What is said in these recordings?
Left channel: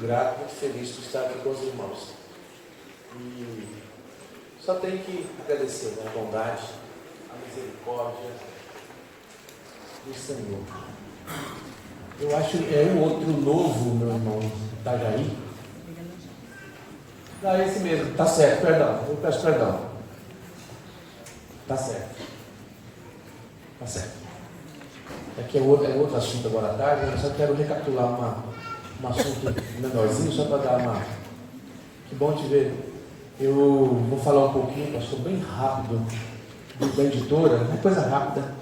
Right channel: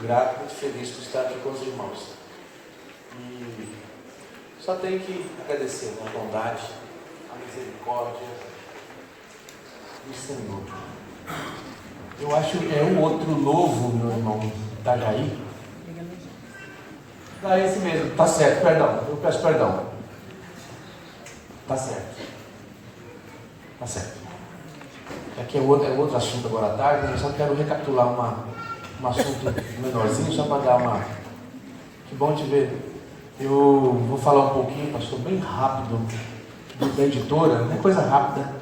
muito grato, muito feliz por estar aqui com os irmãos. E só tenho que agradecer a bondade, a misericórdia do Senhor. Eu acho que é um outro novo, meu irmão Itajaí. Não, é esse mesmo, tá certo, perdão, eu peço perdão. Tá certo. Tá certo. Aqui é outro assunto agora à tarde, eu só quero recapitular um assunto menorzinho, só para dar uma... Que bom te ver. Eu vou falar um pouquinho, pastor, bem rápido, da editora, uma coisa rápida.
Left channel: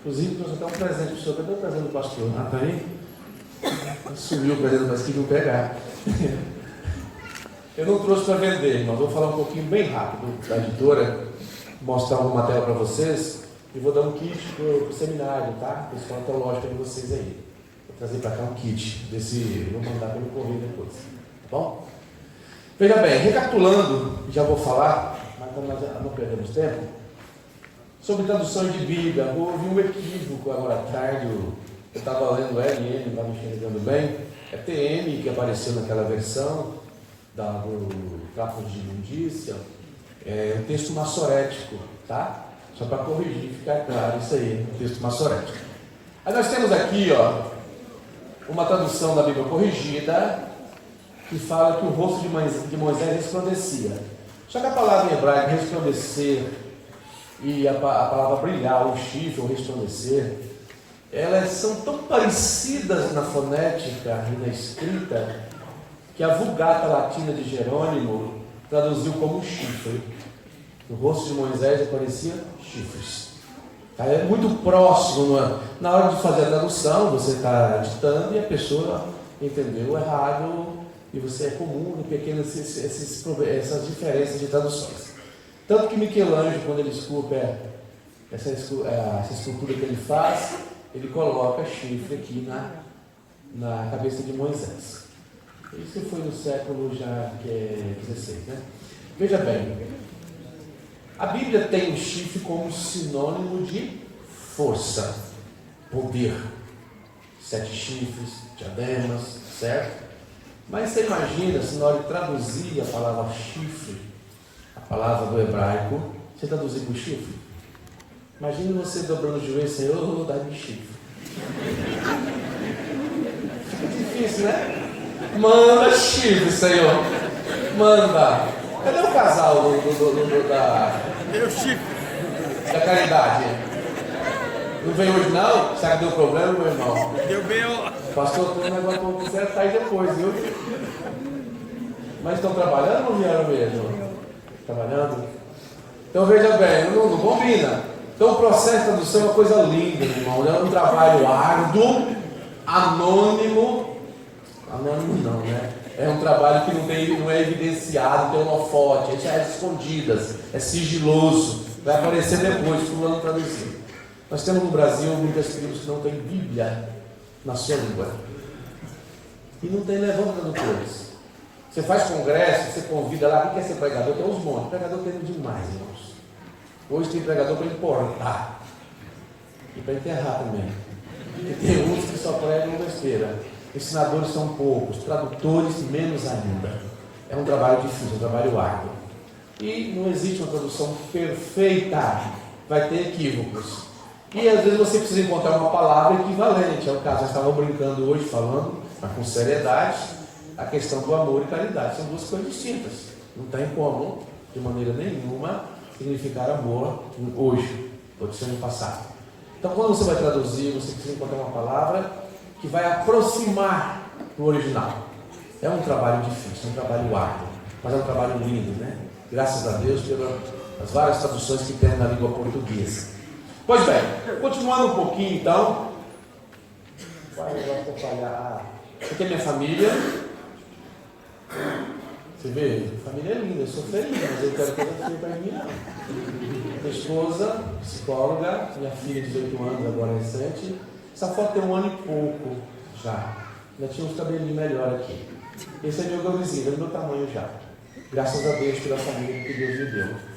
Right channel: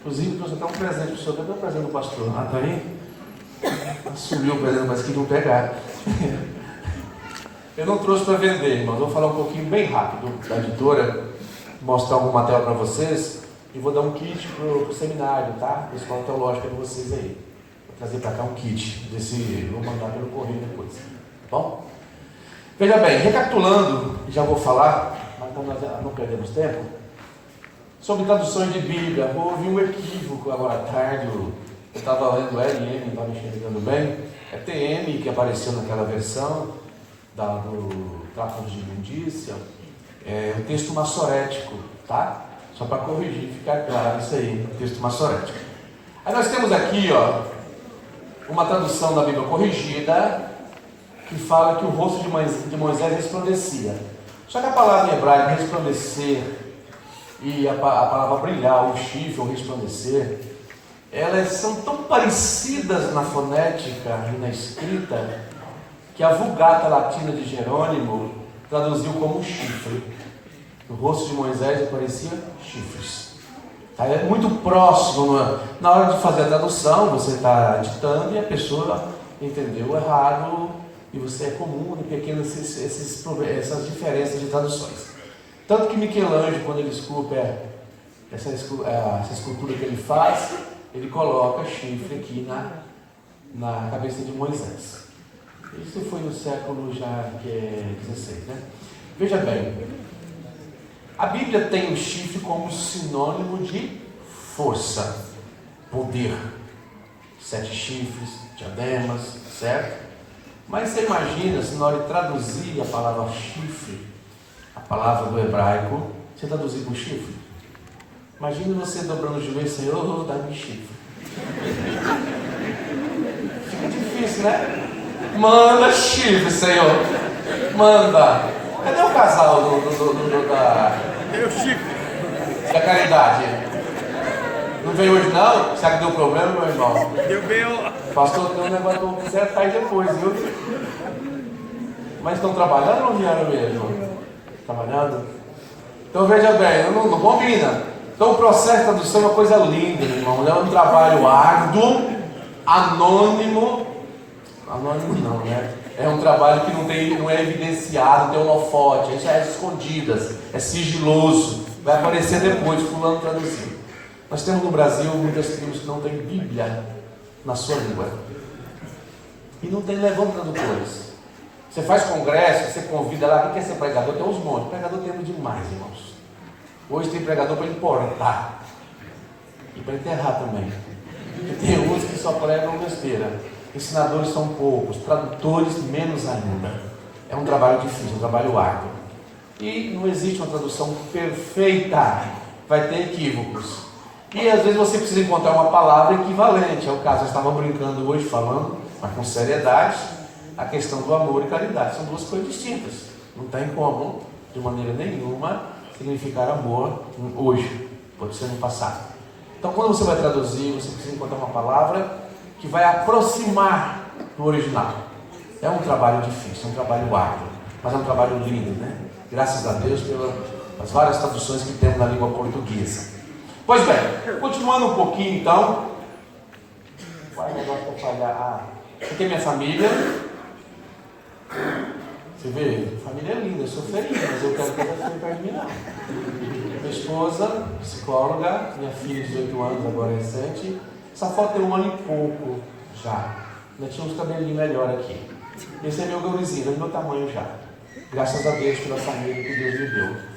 Inclusive, trouxe até um presente para o senhor. Cadê o presente do pastor? Ah, tá aí? Sumiu o presente, mas queriam pegar. Eu não trouxe para vender, irmãos. Vou falar um pouquinho bem rápido da editora, mostrar algum material para vocês e vou dar um kit para o seminário, tá? Para a escola teológica de vocês aí. Vou trazer para cá um kit desse, vou mandar pelo correio depois, tá bom? Veja bem, recapitulando, já vou falar, mas nós não perdemos tempo, sobre traduções de Bíblia. Houve um equívoco agora à tarde. Eu estava lendo LN, não estava enxergando bem. É TM que apareceu naquela versão do Tráfico de Imundícia. É um texto massorético, tá? Só para corrigir, ficar claro isso aí, um texto massorético. Aí nós temos aqui, ó, uma tradução da Bíblia corrigida, que fala que o rosto de Moisés resplandecia. Só que a palavra em hebraico resplandecer e a palavra brilhar, o chifre, ou resplandecer, elas são tão parecidas na fonética e na escrita que a Vulgata Latina de Jerônimo traduziu como chifre. No rosto de Moisés aparecia chifres. Tá? É muito próximo. Na hora de fazer a tradução, você está ditando e a pessoa entendeu errado, e você é comum em pequenas essas diferenças de traduções. Tanto que Michelangelo, quando ele esculpe essa escultura que ele faz, ele coloca chifre aqui na cabeça de Moisés. Isso foi no século já XVI, né? Veja bem, a Bíblia tem o chifre como sinônimo de força, poder. 7 chifres, diademas, certo? Mas você imagina, se na hora de traduzir a palavra chifre, a palavra do hebraico, você traduzir por chifre? Imagina você dobrando o joelho e Senhor, dá-me chifre. Fica difícil, né? Manda chifre, Senhor. Manda. Cadê o casal da caridade? Não veio hoje não? Será que deu problema, meu irmão? Deu bem, ó. Pastor, tem um negócio para você atrás depois, viu? Mas estão trabalhando ou não vieram mesmo? Trabalhando? Então veja bem, não combina. Então o processo de tradução é uma coisa linda, meu irmão. É um trabalho árduo, anônimo não, né? É um trabalho que não é evidenciado, tem holofote, isso é escondidas, é sigiloso, vai aparecer depois, fulano traduzindo. Nós temos no Brasil muitas tribos que não têm Bíblia na sua língua. E não tem levando tradutores. Você faz congresso, você convida lá, quem quer ser pregador? Tem uns montes. Pregador tem demais, irmãos. Hoje tem pregador para importar. E para enterrar também. E tem uns que só pregam besteira. Ensinadores são poucos, tradutores menos ainda. É um trabalho difícil, um trabalho árduo. E não existe uma tradução perfeita. Vai ter equívocos. E às vezes você precisa encontrar uma palavra equivalente. É o caso, nós estávamos brincando hoje, falando, mas com seriedade, a questão do amor e caridade. São duas coisas distintas. Não tem como, de maneira nenhuma, significar amor hoje. Pode ser no passado. Então, quando você vai traduzir, você precisa encontrar uma palavra que vai aproximar do original. É um trabalho difícil, é um trabalho árduo, mas é um trabalho lindo, né? Graças a Deus pelas várias traduções que temos na língua portuguesa. Pois bem, continuando um pouquinho então. Qual é o negócio que eu falhar? Isso aqui é minha família. Você vê? A família é linda, eu sou feliz, mas eu quero coisa feia para mim não. Minha esposa, psicóloga, minha filha de 18 anos, agora é recente. Essa foto tem 1 ano e pouco já. Ainda tinha uns cabelinhos melhor aqui. Esse é meu gurizinho, é do meu tamanho já. Graças a Deus pela família que Deus me deu.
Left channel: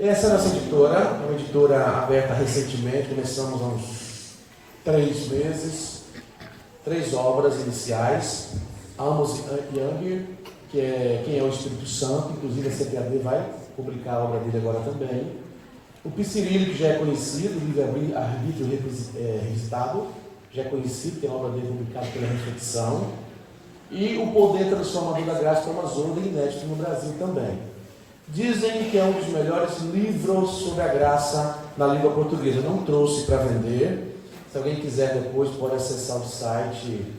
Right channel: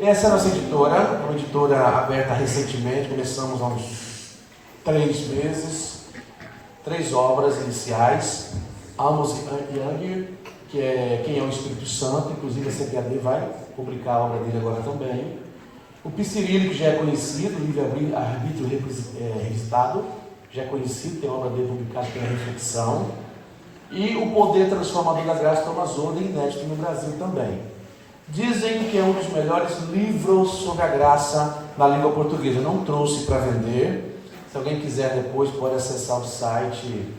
Essa é a nossa editora, é uma editora aberta recentemente, começamos há uns 3 meses, 3 obras iniciais. Amos Young, que é Quem é o Espírito Santo, inclusive a CPAD vai publicar a obra dele agora também. O Piscirillo, que já é conhecido, o livro Arbítrio Revisitado, já é conhecido, tem a obra dele publicada pela Reflexão. E O Poder Transformador da Graça, Thomas Oden, inédito no Brasil também. Dizem que é um dos melhores livros sobre a graça na língua portuguesa. Eu não trouxe para vender. Se alguém quiser depois, pode acessar o site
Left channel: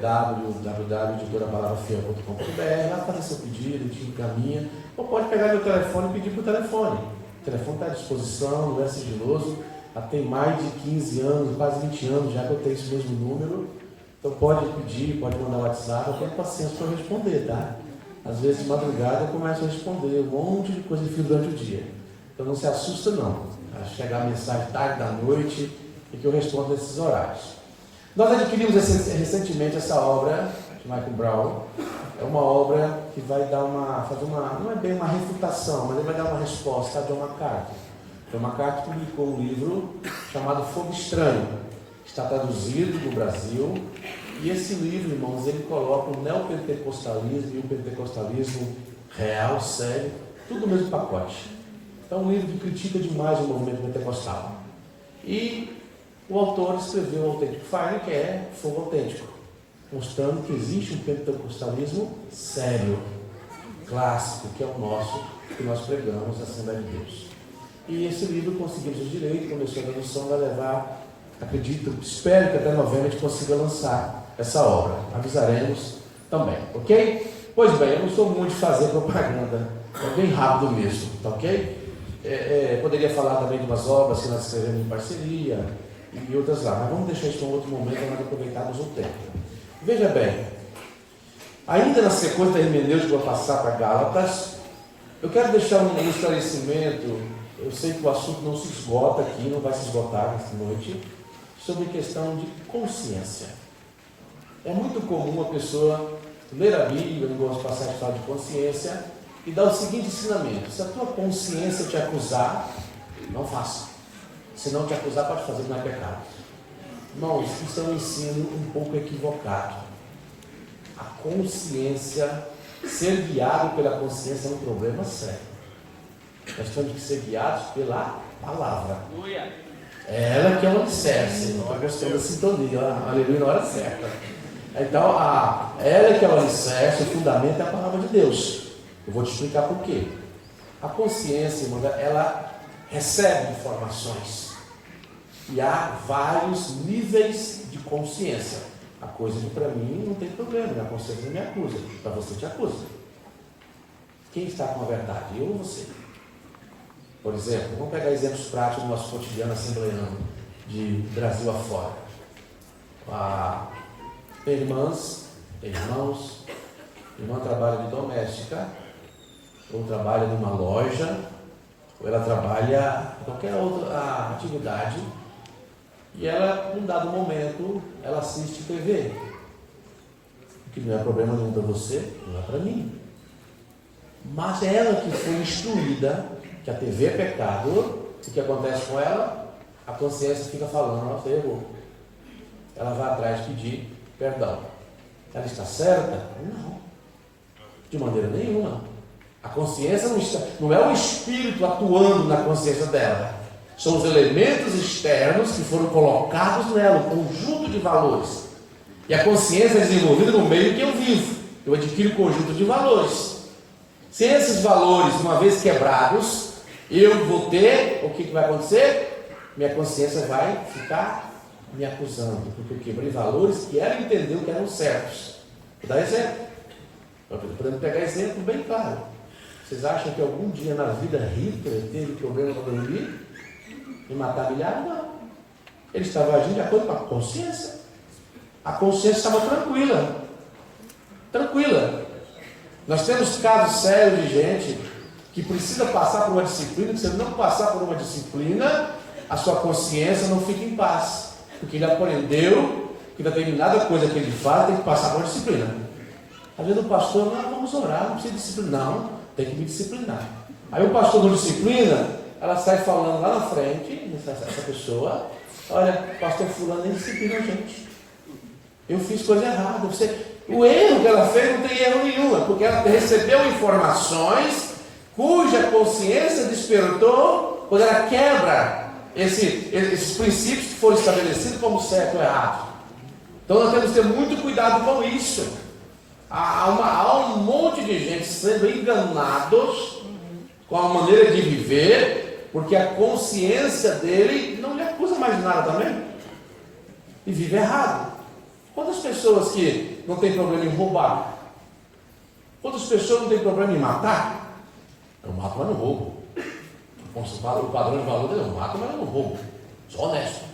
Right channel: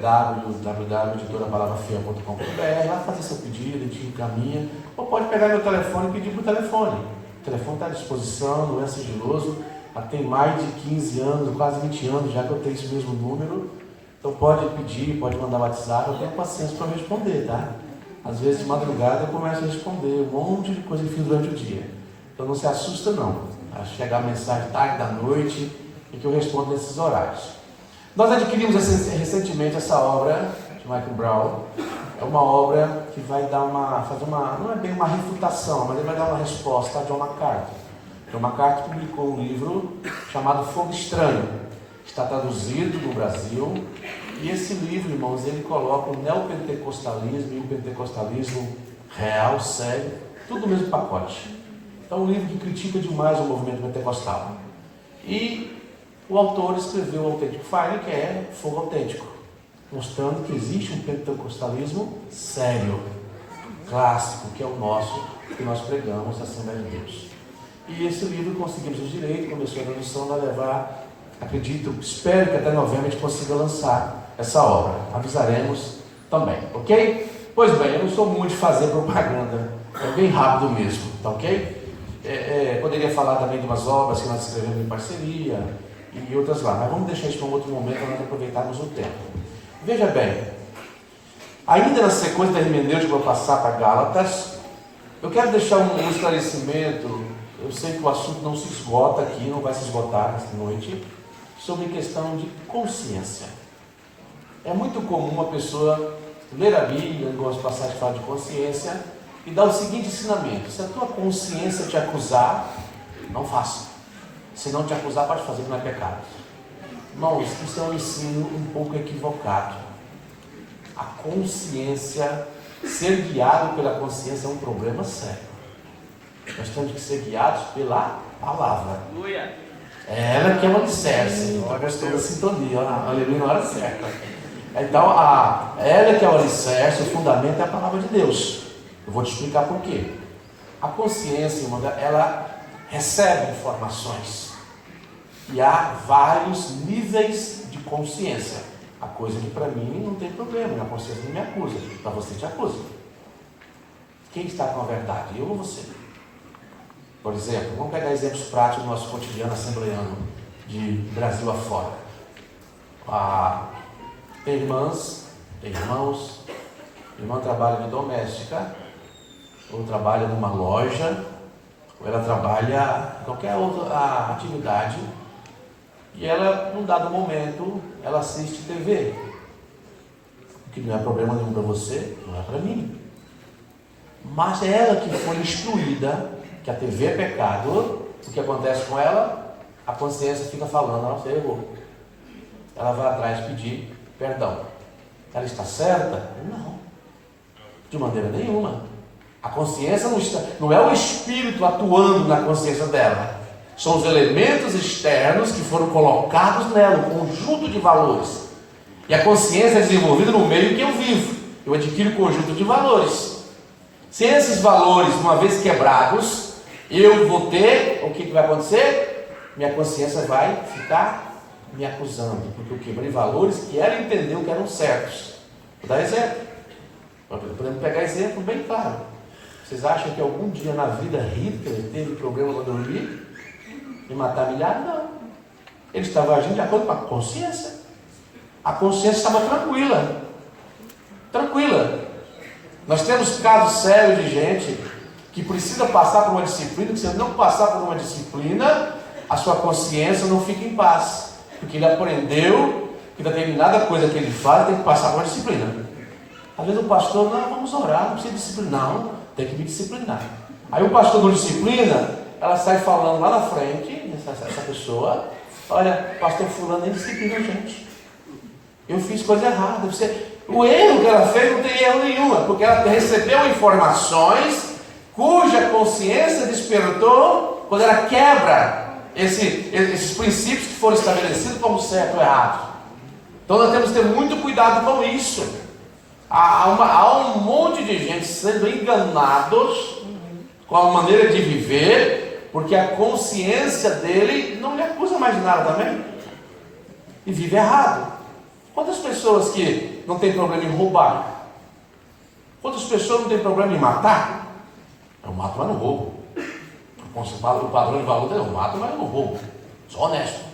www.editorapalavrafia.com.br, vai fazer seu pedido, a gente encaminha. Ou pode pegar meu telefone e pedir por telefone. O telefone está à disposição, não é sigiloso. Já tem mais de 15 anos, quase 20 anos já que eu tenho esse mesmo número. Então pode pedir, pode mandar WhatsApp, eu tenho paciência para responder, tá? Às vezes de madrugada eu começo a responder um monte de coisa que fiz durante o dia. Então não se assusta não. A chegar a mensagem tarde da noite e que eu respondo nesses horários. Nós adquirimos recentemente essa obra de Michael Brown. É uma obra que vai dar não é bem uma refutação, mas ele vai dar uma resposta a John MacArthur. John MacArthur publicou um livro chamado Fogo Estranho. Está traduzido no Brasil. E esse livro, irmãos, ele coloca o neopentecostalismo e o pentecostalismo real, sério, tudo no mesmo pacote. Então é um livro que critica demais o movimento pentecostal. E o autor escreveu o Authentic Fire, que é fogo autêntico, mostrando que existe um pentecostalismo sério, clássico, que é o nosso, que nós pregamos na Assembleia de Deus. E esse livro conseguimos os direitos, começou a tradução, vai levar, acredito, espero que até novembro a gente consiga lançar essa obra. Avisaremos também, ok? Pois bem, eu não sou muito de fazer propaganda, é bem rápido mesmo, tá ok? Poderia falar também de umas obras que nós escrevemos em parceria e outras lá, mas vamos deixar isso para um outro momento para nós aproveitarmos o tempo. Veja bem, ainda na sequência da hermenêutica, vou passar para Gálatas. Eu quero deixar um esclarecimento. Eu sei que o assunto não se esgota aqui, não vai se esgotar esta noite, sobre questão de consciência. É muito comum uma pessoa ler a Bíblia, em algumas passagens falar de consciência, e dar o seguinte ensinamento: se a tua consciência te acusar, não faça. Se não te acusar, pode fazer, que não é pecado. Irmãos, isso é um ensino um pouco equivocado. A consciência, ser guiado pela consciência é um problema sério. Nós temos que ser guiados pela palavra. É ela que é o alicerce. Está gostando da sintonia, aleluia, na hora certa. Então, ela que é o alicerce, o fundamento é a palavra de Deus. Eu vou te explicar por quê. A consciência, irmã, ela recebe informações. E há vários níveis de consciência. A coisa que para mim não tem problema, minha consciência não me acusa. Para você te acusa. Quem está com a verdade? Eu ou você? Por exemplo, vamos pegar exemplos práticos do nosso cotidiano assembleano, de Brasil afora. Tem irmãs, tem irmãos, irmã trabalha de doméstica, ou trabalha numa loja, ou ela trabalha em qualquer outra atividade, e ela, num dado momento, ela assiste TV, o que não é problema nenhum para você, não é para mim. Mas é ela que foi instruída que a TV é pecado. O que acontece com ela? A consciência fica falando: não, você errou. Ela vai atrás pedir perdão. Ela está certa? Não, de maneira nenhuma. A consciência não é o espírito atuando na consciência dela, são os elementos externos que foram colocados nela, um conjunto de valores. E a consciência é desenvolvida no meio que eu vivo. Eu adquiro um conjunto de valores. Se esses valores, uma vez quebrados, eu vou ter, o que vai acontecer? Minha consciência vai ficar me acusando, porque eu quebrei valores que ela entendeu que eram certos. Vou dar exemplo. Podemos pegar exemplo bem claro. Vocês acham que algum dia na vida Hitler teve problema para dormir e matar milhares? Não. Ele estava agindo de acordo com a consciência. A consciência estava tranquila. Tranquila. Nós temos casos sérios de gente que precisa passar por uma disciplina, que se ele não passar por uma disciplina, a sua consciência não fica em paz. Porque ele aprendeu que determinada coisa que ele faz tem que passar por uma disciplina. Às vezes o pastor, não, vamos orar, não precisa disciplinar. Não, tem que me disciplinar. Aí o pastor não disciplina, ela sai falando lá na frente, essa pessoa: olha, pastor fulano nem disciplina a gente. Eu fiz coisa errada. O erro que ela fez não tem erro nenhum, porque ela recebeu informações cuja consciência despertou quando ela quebra esses princípios que foram estabelecidos como certo ou errado. Então nós temos que ter muito cuidado com isso. Há um monte de gente sendo enganados com a maneira de viver, porque a consciência dele não lhe acusa mais de nada também, e vive errado. Quantas pessoas que não tem problema em roubar? Quantas pessoas não tem problema em matar? Eu mato, mas não roubo. O padrão de valor dele, eu mato, mas eu não roubo. Sou honesto.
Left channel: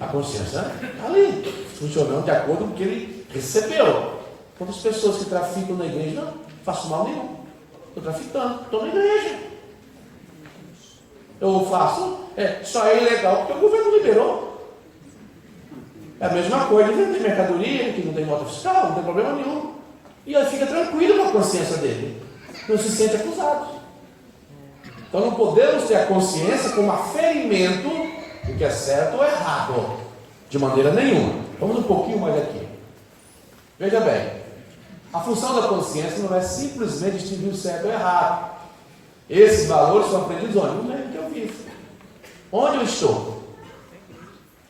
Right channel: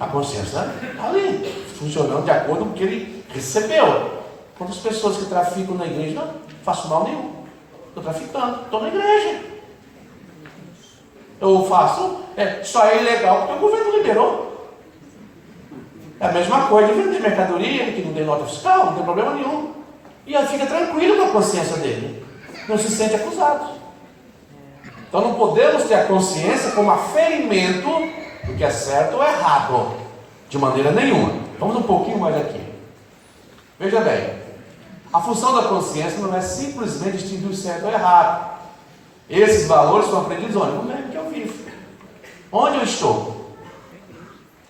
A consciência está ali, funcionando de acordo com o que ele recebeu. Quantas pessoas que traficam na igreja? Não faço mal nenhum. Estou traficando, estou na igreja. Eu faço, só é ilegal porque o governo liberou. É a mesma coisa de vender mercadoria que não tem nota fiscal, não tem problema nenhum. E ele fica tranquilo com a consciência dele. Não se sente acusado. Então não podemos ter a consciência como aferimento do que é certo ou errado. De maneira nenhuma. Vamos um pouquinho mais aqui. Veja bem. A função da consciência não é simplesmente distinguir o certo ou errado. Esses valores são aprendidos onde? No meio que eu vivo. Onde eu estou?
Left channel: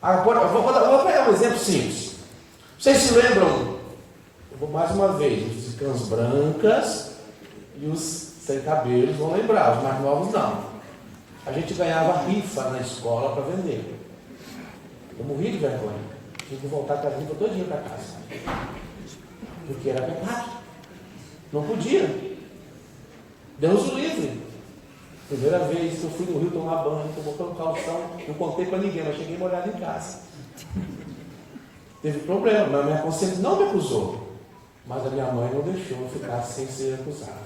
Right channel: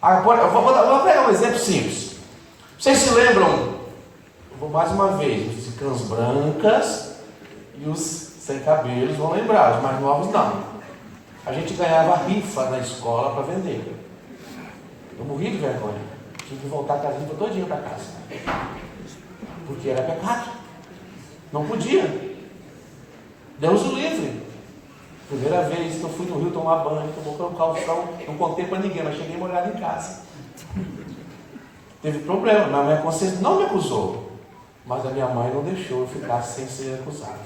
Agora, eu vou pegar um exemplo simples. Vocês se lembram? Eu vou mais uma vez. Os cães brancas e os sem cabelos vão lembrar. Os mais novos não. A gente ganhava rifa na escola para vender. Eu morri de vergonha. Tinha que voltar com a rifa todinha para casa. Porque era pecado. Não podia. Deus o livre. Primeira vez que eu fui no rio tomar banho, tomou um calção, não contei para ninguém, mas cheguei molhado em casa. Teve problema, mas a minha consciência não me acusou. Mas a minha mãe não deixou eu ficar sem ser acusado.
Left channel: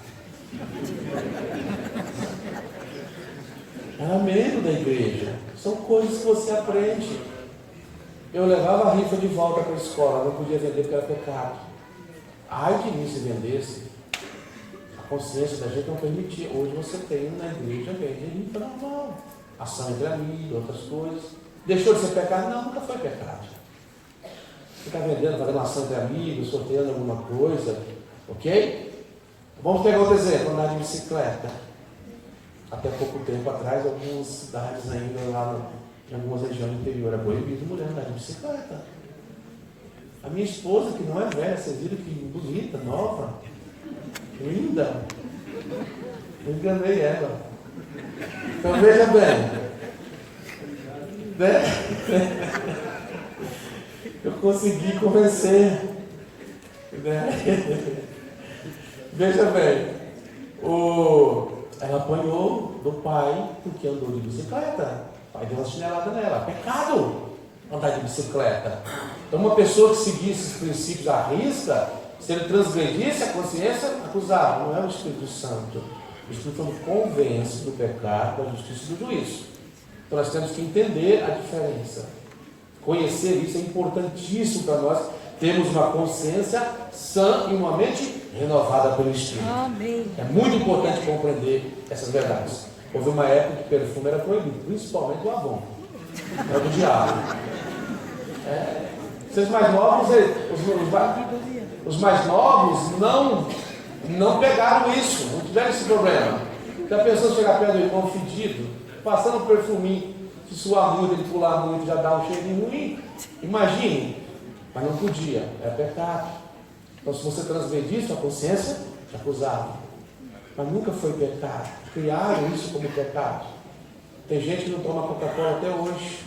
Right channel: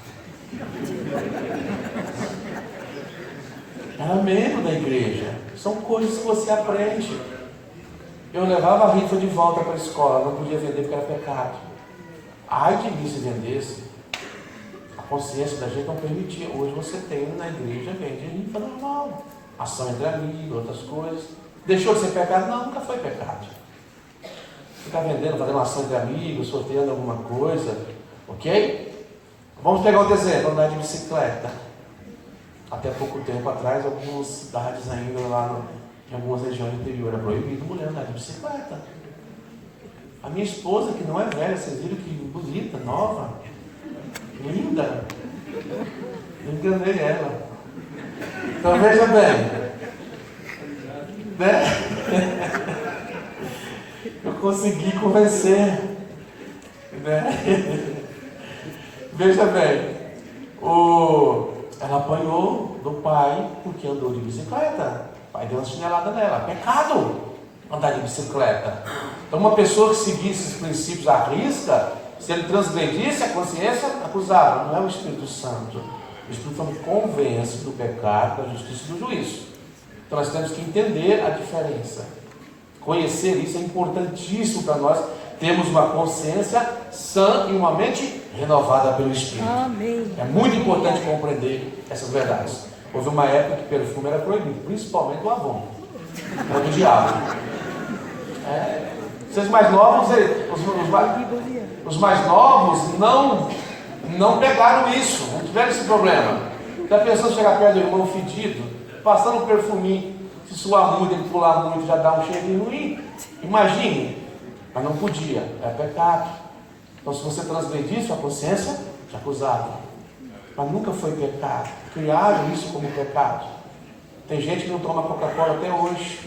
Era membro da igreja. São coisas que você aprende. Eu levava a rifa de volta para a escola, não podia vender porque era pecado. Ai de mim se vendesse. A consciência da gente não permitia. Hoje você tem na igreja, vende rifa normal. Ação entre amigos, outras coisas. Deixou de ser pecado? Não, nunca foi pecado. Ficar vendendo, fazendo ação entre amigos, sorteando alguma coisa. Ok? Vamos pegar outro exemplo, andar de bicicleta. Até pouco tempo atrás, algumas cidades ainda lá em algumas regiões do interior era proibido mulher andar de bicicleta. A minha esposa, que não é velha, vocês viram que bonita, nova, linda. Eu enganei ela. Então veja bem. Né? Eu consegui convencer. Né? Veja bem. Ela apanhou do pai porque andou de bicicleta. O pai deu uma chinelada nela. Pecado andar de bicicleta. Então uma pessoa que seguisse esses princípios à risca, se ele transgredisse a consciência, acusava. Não é o Espírito Santo. O Espírito Santo convence do pecado, da justiça e do juízo. Então nós temos que entender a diferença. Conhecer isso é importantíssimo para nós termos uma consciência sã e uma mente renovada pelo Espírito. Amém. É muito importante compreender essas verdades. Houve uma época que perfume era proibido, principalmente o Avon. Era do diabo. Vocês mais novos, os mais novos não pegaram isso, não tiveram esse problema. Se a pessoa chegar perto do irmão fedido, passando um perfuminho, se suar muito, ele pular muito, já dá um cheirinho ruim. Imagine, mas não podia, é pecado. Então se você transgredisse a consciência, te acusava. Mas nunca foi pecado. Criaram isso como pecado. Tem gente que não toma Coca-Cola até hoje.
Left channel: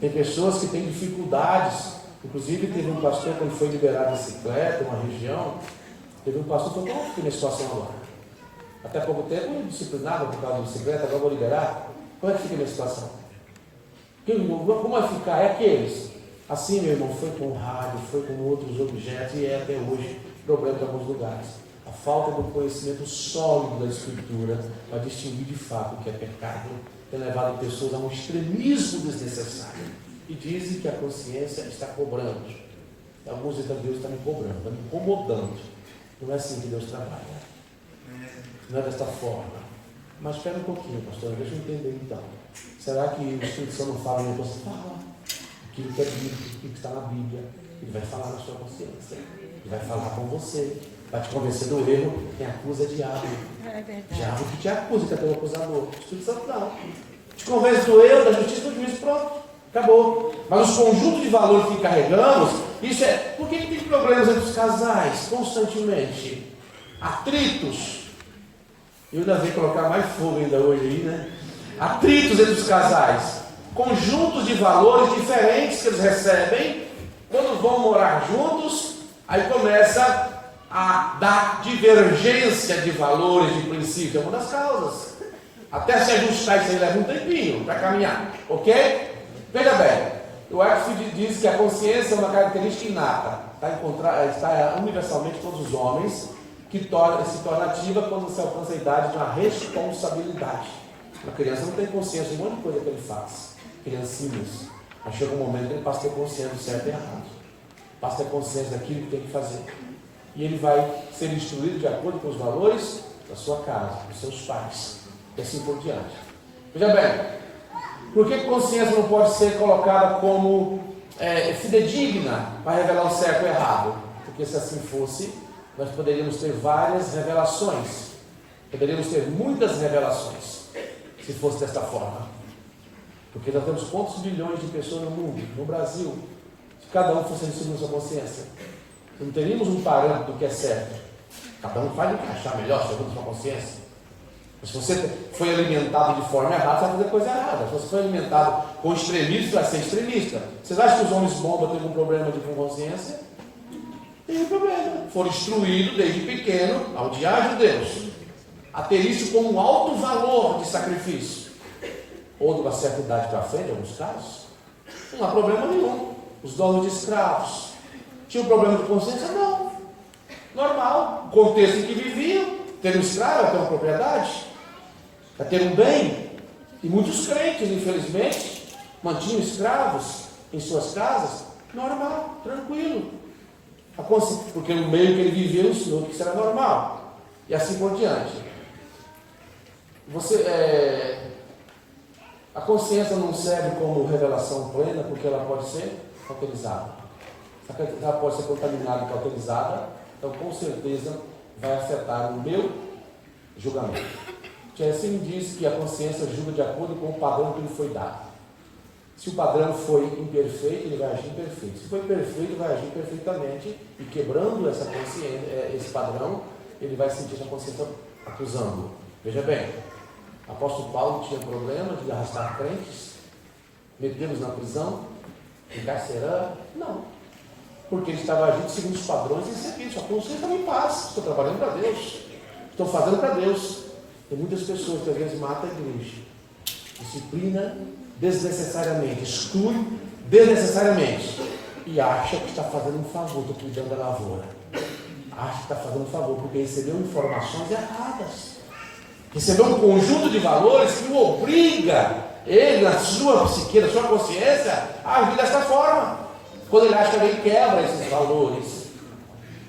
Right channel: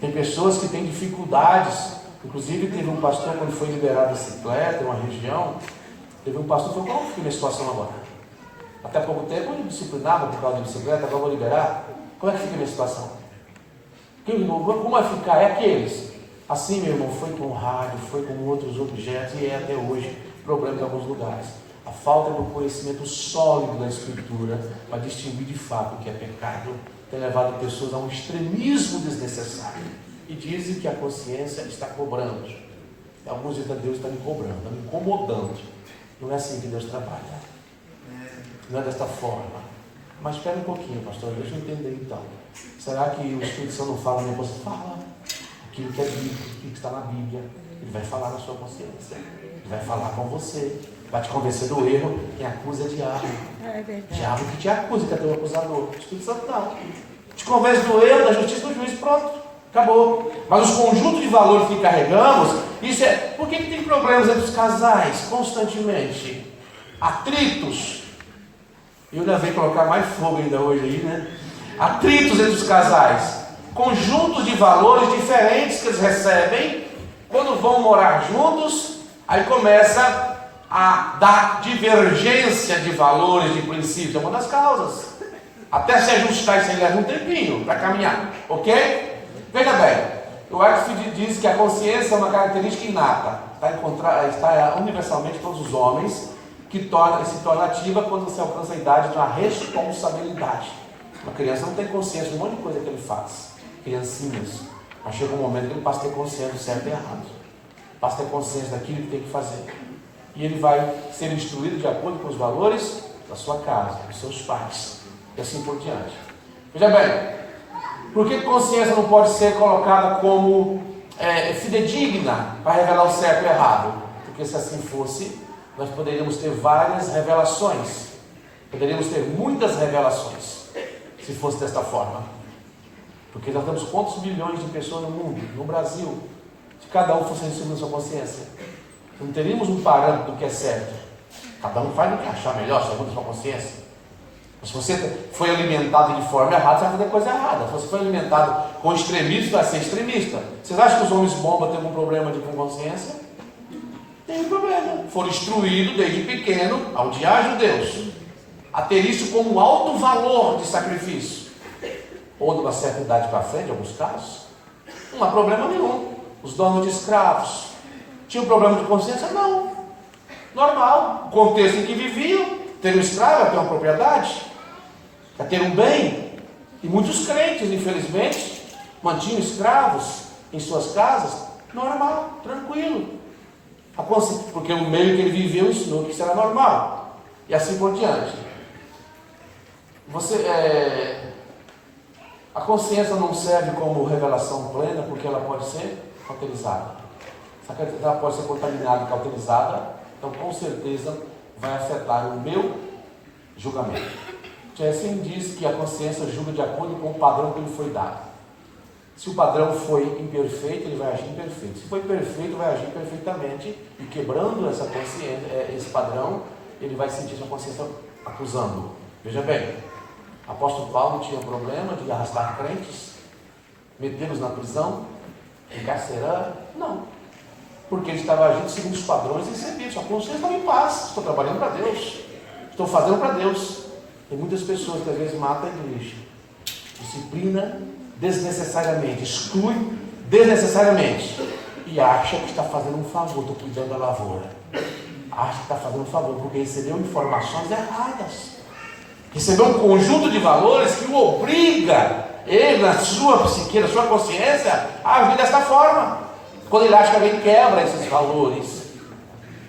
Tem pessoas que têm dificuldades. Inclusive teve um pastor, quando foi liberado a bicicleta em uma região, teve um pastor que falou: como fica a minha situação agora? Até pouco tempo eu disciplinava por causa de bicicleta, agora vou liberar. Como é que fica a minha situação? Como vai ficar? É aqueles. Assim, meu irmão, foi com rádio, foi com outros objetos e é até hoje problema em alguns lugares. A falta do conhecimento sólido da Escritura para distinguir de fato o que é pecado tem levado pessoas a um extremismo desnecessário. E dizem que a consciência está cobrando. E alguns dizem que Deus está me cobrando, está me incomodando. Não é assim que Deus trabalha. Não é desta forma. Mas espera um pouquinho, pastor, deixa eu entender então. Será que o Espírito Santo não fala nem você? Fala aquilo que é bíblico, aquilo que está na Bíblia. Ele vai falar na sua consciência. Ele vai falar com você. Vai te convencer do erro. Quem acusa é diabo. É verdade. Diabo que te acusa, que é teu acusador. O Espírito Santo não. Te convence do erro, da justiça, do juiz, pronto. Acabou. Mas os conjuntos de valores que carregamos, isso é. Por que tem problemas entre os casais constantemente? Atritos. Eu ainda venho colocar mais fogo ainda hoje aí, né? Atritos entre os casais. Conjuntos de valores diferentes que eles recebem. Quando vão morar juntos, aí começa a dar divergência de valores, de princípios. É uma das causas. Até se ajustar, isso aí leva um tempinho para caminhar. Ok? Veja bem, o Axford diz que a consciência é uma característica inata. Está universalmente todos os homens, que se torna ativa quando se alcança a idade de uma responsabilidade. Uma criança não tem consciência de um monte de coisa que ele faz. Criancinhas. Mas chega um momento que ele passa a ter consciência do certo e errado. Passa a ter consciência daquilo que tem que fazer. E ele vai ser instruído de acordo com os valores da sua casa, dos seus pais, e assim por diante. Veja bem, por que consciência não pode ser colocada como fidedigna para revelar o certo e o errado? Porque se assim fosse, nós poderíamos ter várias revelações. Poderíamos ter muitas revelações, se fosse desta forma. Porque nós temos quantos milhões de pessoas no mundo, no Brasil, se cada um fosse instruído na sua consciência. Não teríamos um parâmetro do que é certo. Cada um faz o que achar melhor, segundo a sua consciência. Mas se você foi alimentado de forma errada, você vai fazer coisa errada. Se você foi alimentado com extremismo, vai ser extremista. Vocês acham que os homens bomba têm algum problema de consciência? Tem problema. Foram instruídos desde pequeno a odiar judeus, a ter isso como um alto valor de sacrifício. Ou de uma certa idade para frente, em alguns casos, não há problema nenhum. Os donos de escravos tinham problema de consciência? Não. Normal. O contexto em que viviam, ter um escravo é ter uma propriedade, é ter um bem. E muitos crentes, infelizmente, mantinham escravos em suas casas. Normal, tranquilo. Porque o meio que ele viveu ensinou que isso era normal. E assim por diante. A consciência não serve como revelação plena, porque ela pode ser cauterizada. Ela pode ser contaminada e cauterizada, então com certeza vai afetar o meu julgamento. Jensen diz que a consciência julga de acordo com o padrão que lhe foi dado. Se o padrão foi imperfeito, ele vai agir imperfeito. Se foi perfeito, vai agir perfeitamente, e quebrando essa consciência, esse padrão, ele vai sentir essa consciência acusando. Veja bem, o apóstolo Paulo tinha problema de arrastar crentes, metê-los na prisão, encarcerando? Não. Porque ele estava agindo segundo os padrões recebidos. A consciência estava em paz. Estou trabalhando para Deus. Estou fazendo para Deus. Tem muitas pessoas que às vezes matam a igreja. Disciplina desnecessariamente. Exclui desnecessariamente. E acha que está fazendo um favor. Estou cuidando da lavoura. Acha que está fazendo um favor porque recebeu informações erradas. Recebeu um conjunto de valores que o obriga, ele, na sua psique, na sua consciência, a agir desta forma. Quando ele acha que alguém quebra esses valores,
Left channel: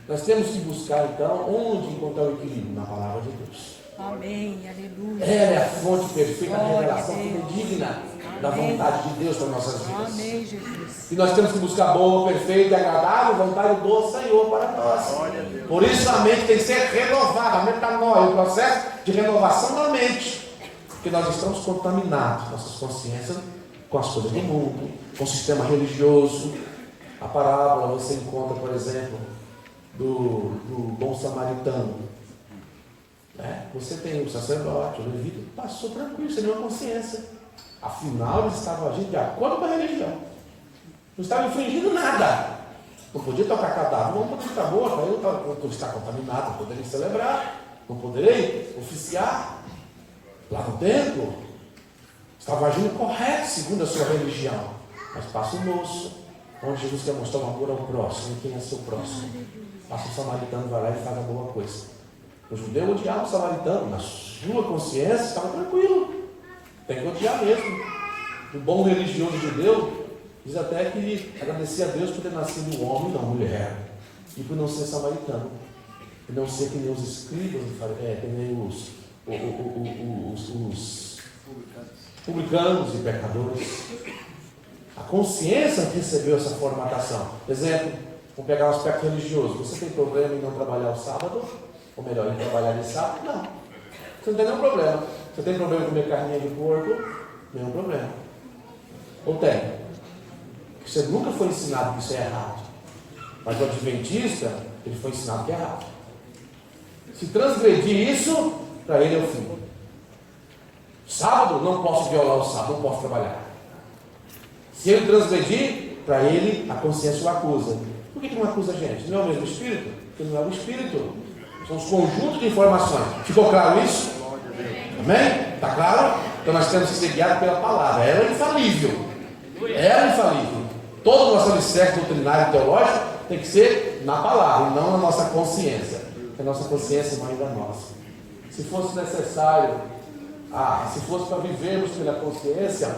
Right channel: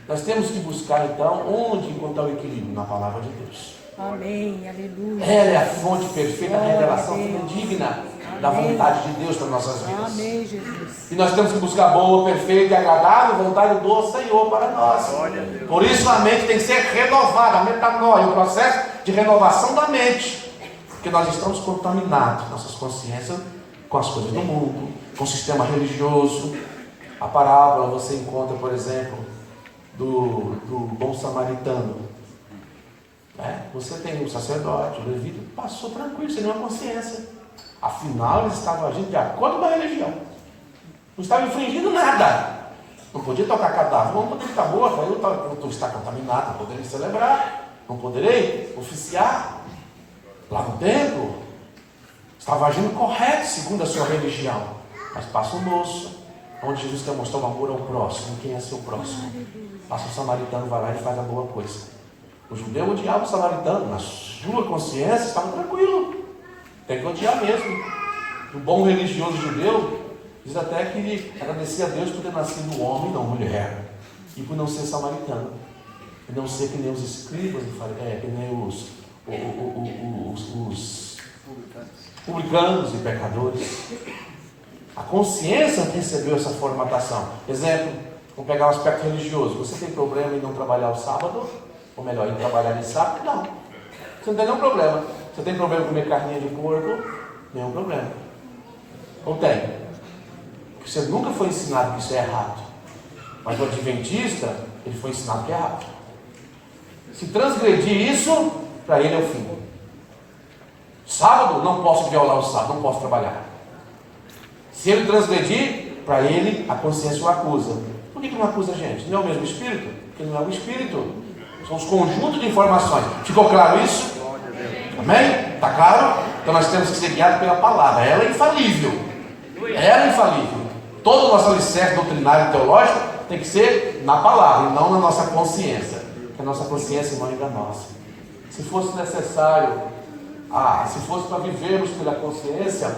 nós temos que buscar então onde encontrar o equilíbrio na palavra de Deus. Amém, aleluia. Ela é a fonte perfeita, a revelação digna da vontade de Deus para nossas vidas. Amém, Jesus. E nós temos que buscar boa, perfeita e agradável vontade do Senhor para nós. Por isso a mente tem que ser renovada, a metanoia, o processo de renovação da mente. Porque nós estamos contaminados, nossas consciências, com as coisas do mundo, com o sistema religioso. A parábola você encontra, por exemplo, do bom samaritano. Você tem o sacerdote, o levita, passou tranquilo, sem nenhuma consciência. Afinal, eles estavam agindo de acordo com a religião. Não estavam infringindo nada. Não podia tocar cadáver, não podia ficar morto. Aí eu estou contaminado, não poderei celebrar, não poderei oficiar lá no templo. Estava agindo correto, segundo a sua religião. Mas passa o moço, onde Jesus quer mostrar o amor ao próximo. Quem é seu próximo? Passa o samaritano, vai lá e faz a boa coisa. O judeu odiava o samaritano, na sua consciência estava tranquilo. Tem que odiar mesmo. O bom religioso judeu diz até que ele agradecia a Deus por ter nascido homem e não mulher, e por não ser samaritano, e não ser que nem os escribas, que nem os publicanos e pecadores. A consciência recebeu essa formatação. Exemplo, vamos pegar um aspecto religioso. Você tem problema em não trabalhar o sábado? Ou melhor, em trabalhar de sábado? Não. Você não tem nenhum problema. Você tem problema em comer carninha de porco? Nenhum problema. Ou tem? Porque você nunca foi ensinado que isso é errado. Mas o adventista, ele foi ensinado que é errado. Se transgredir isso, para ele é o fim. Sábado, não posso violar o sábado, não posso trabalhar. Se ele transgredir, para ele a consciência o acusa. Por que não acusa a gente? Não é o mesmo espírito? Porque não é o espírito. São os conjuntos de informações. Ficou claro isso? Amém? Está claro? Então nós temos que ser guiados pela palavra. Ela é infalível. Ela é infalível. Todo o nosso alicerce doutrinário e teológico tem que ser na palavra e não na nossa consciência. Porque a nossa consciência, irmão, é nossa. Se fosse necessário, se fosse para vivermos pela consciência,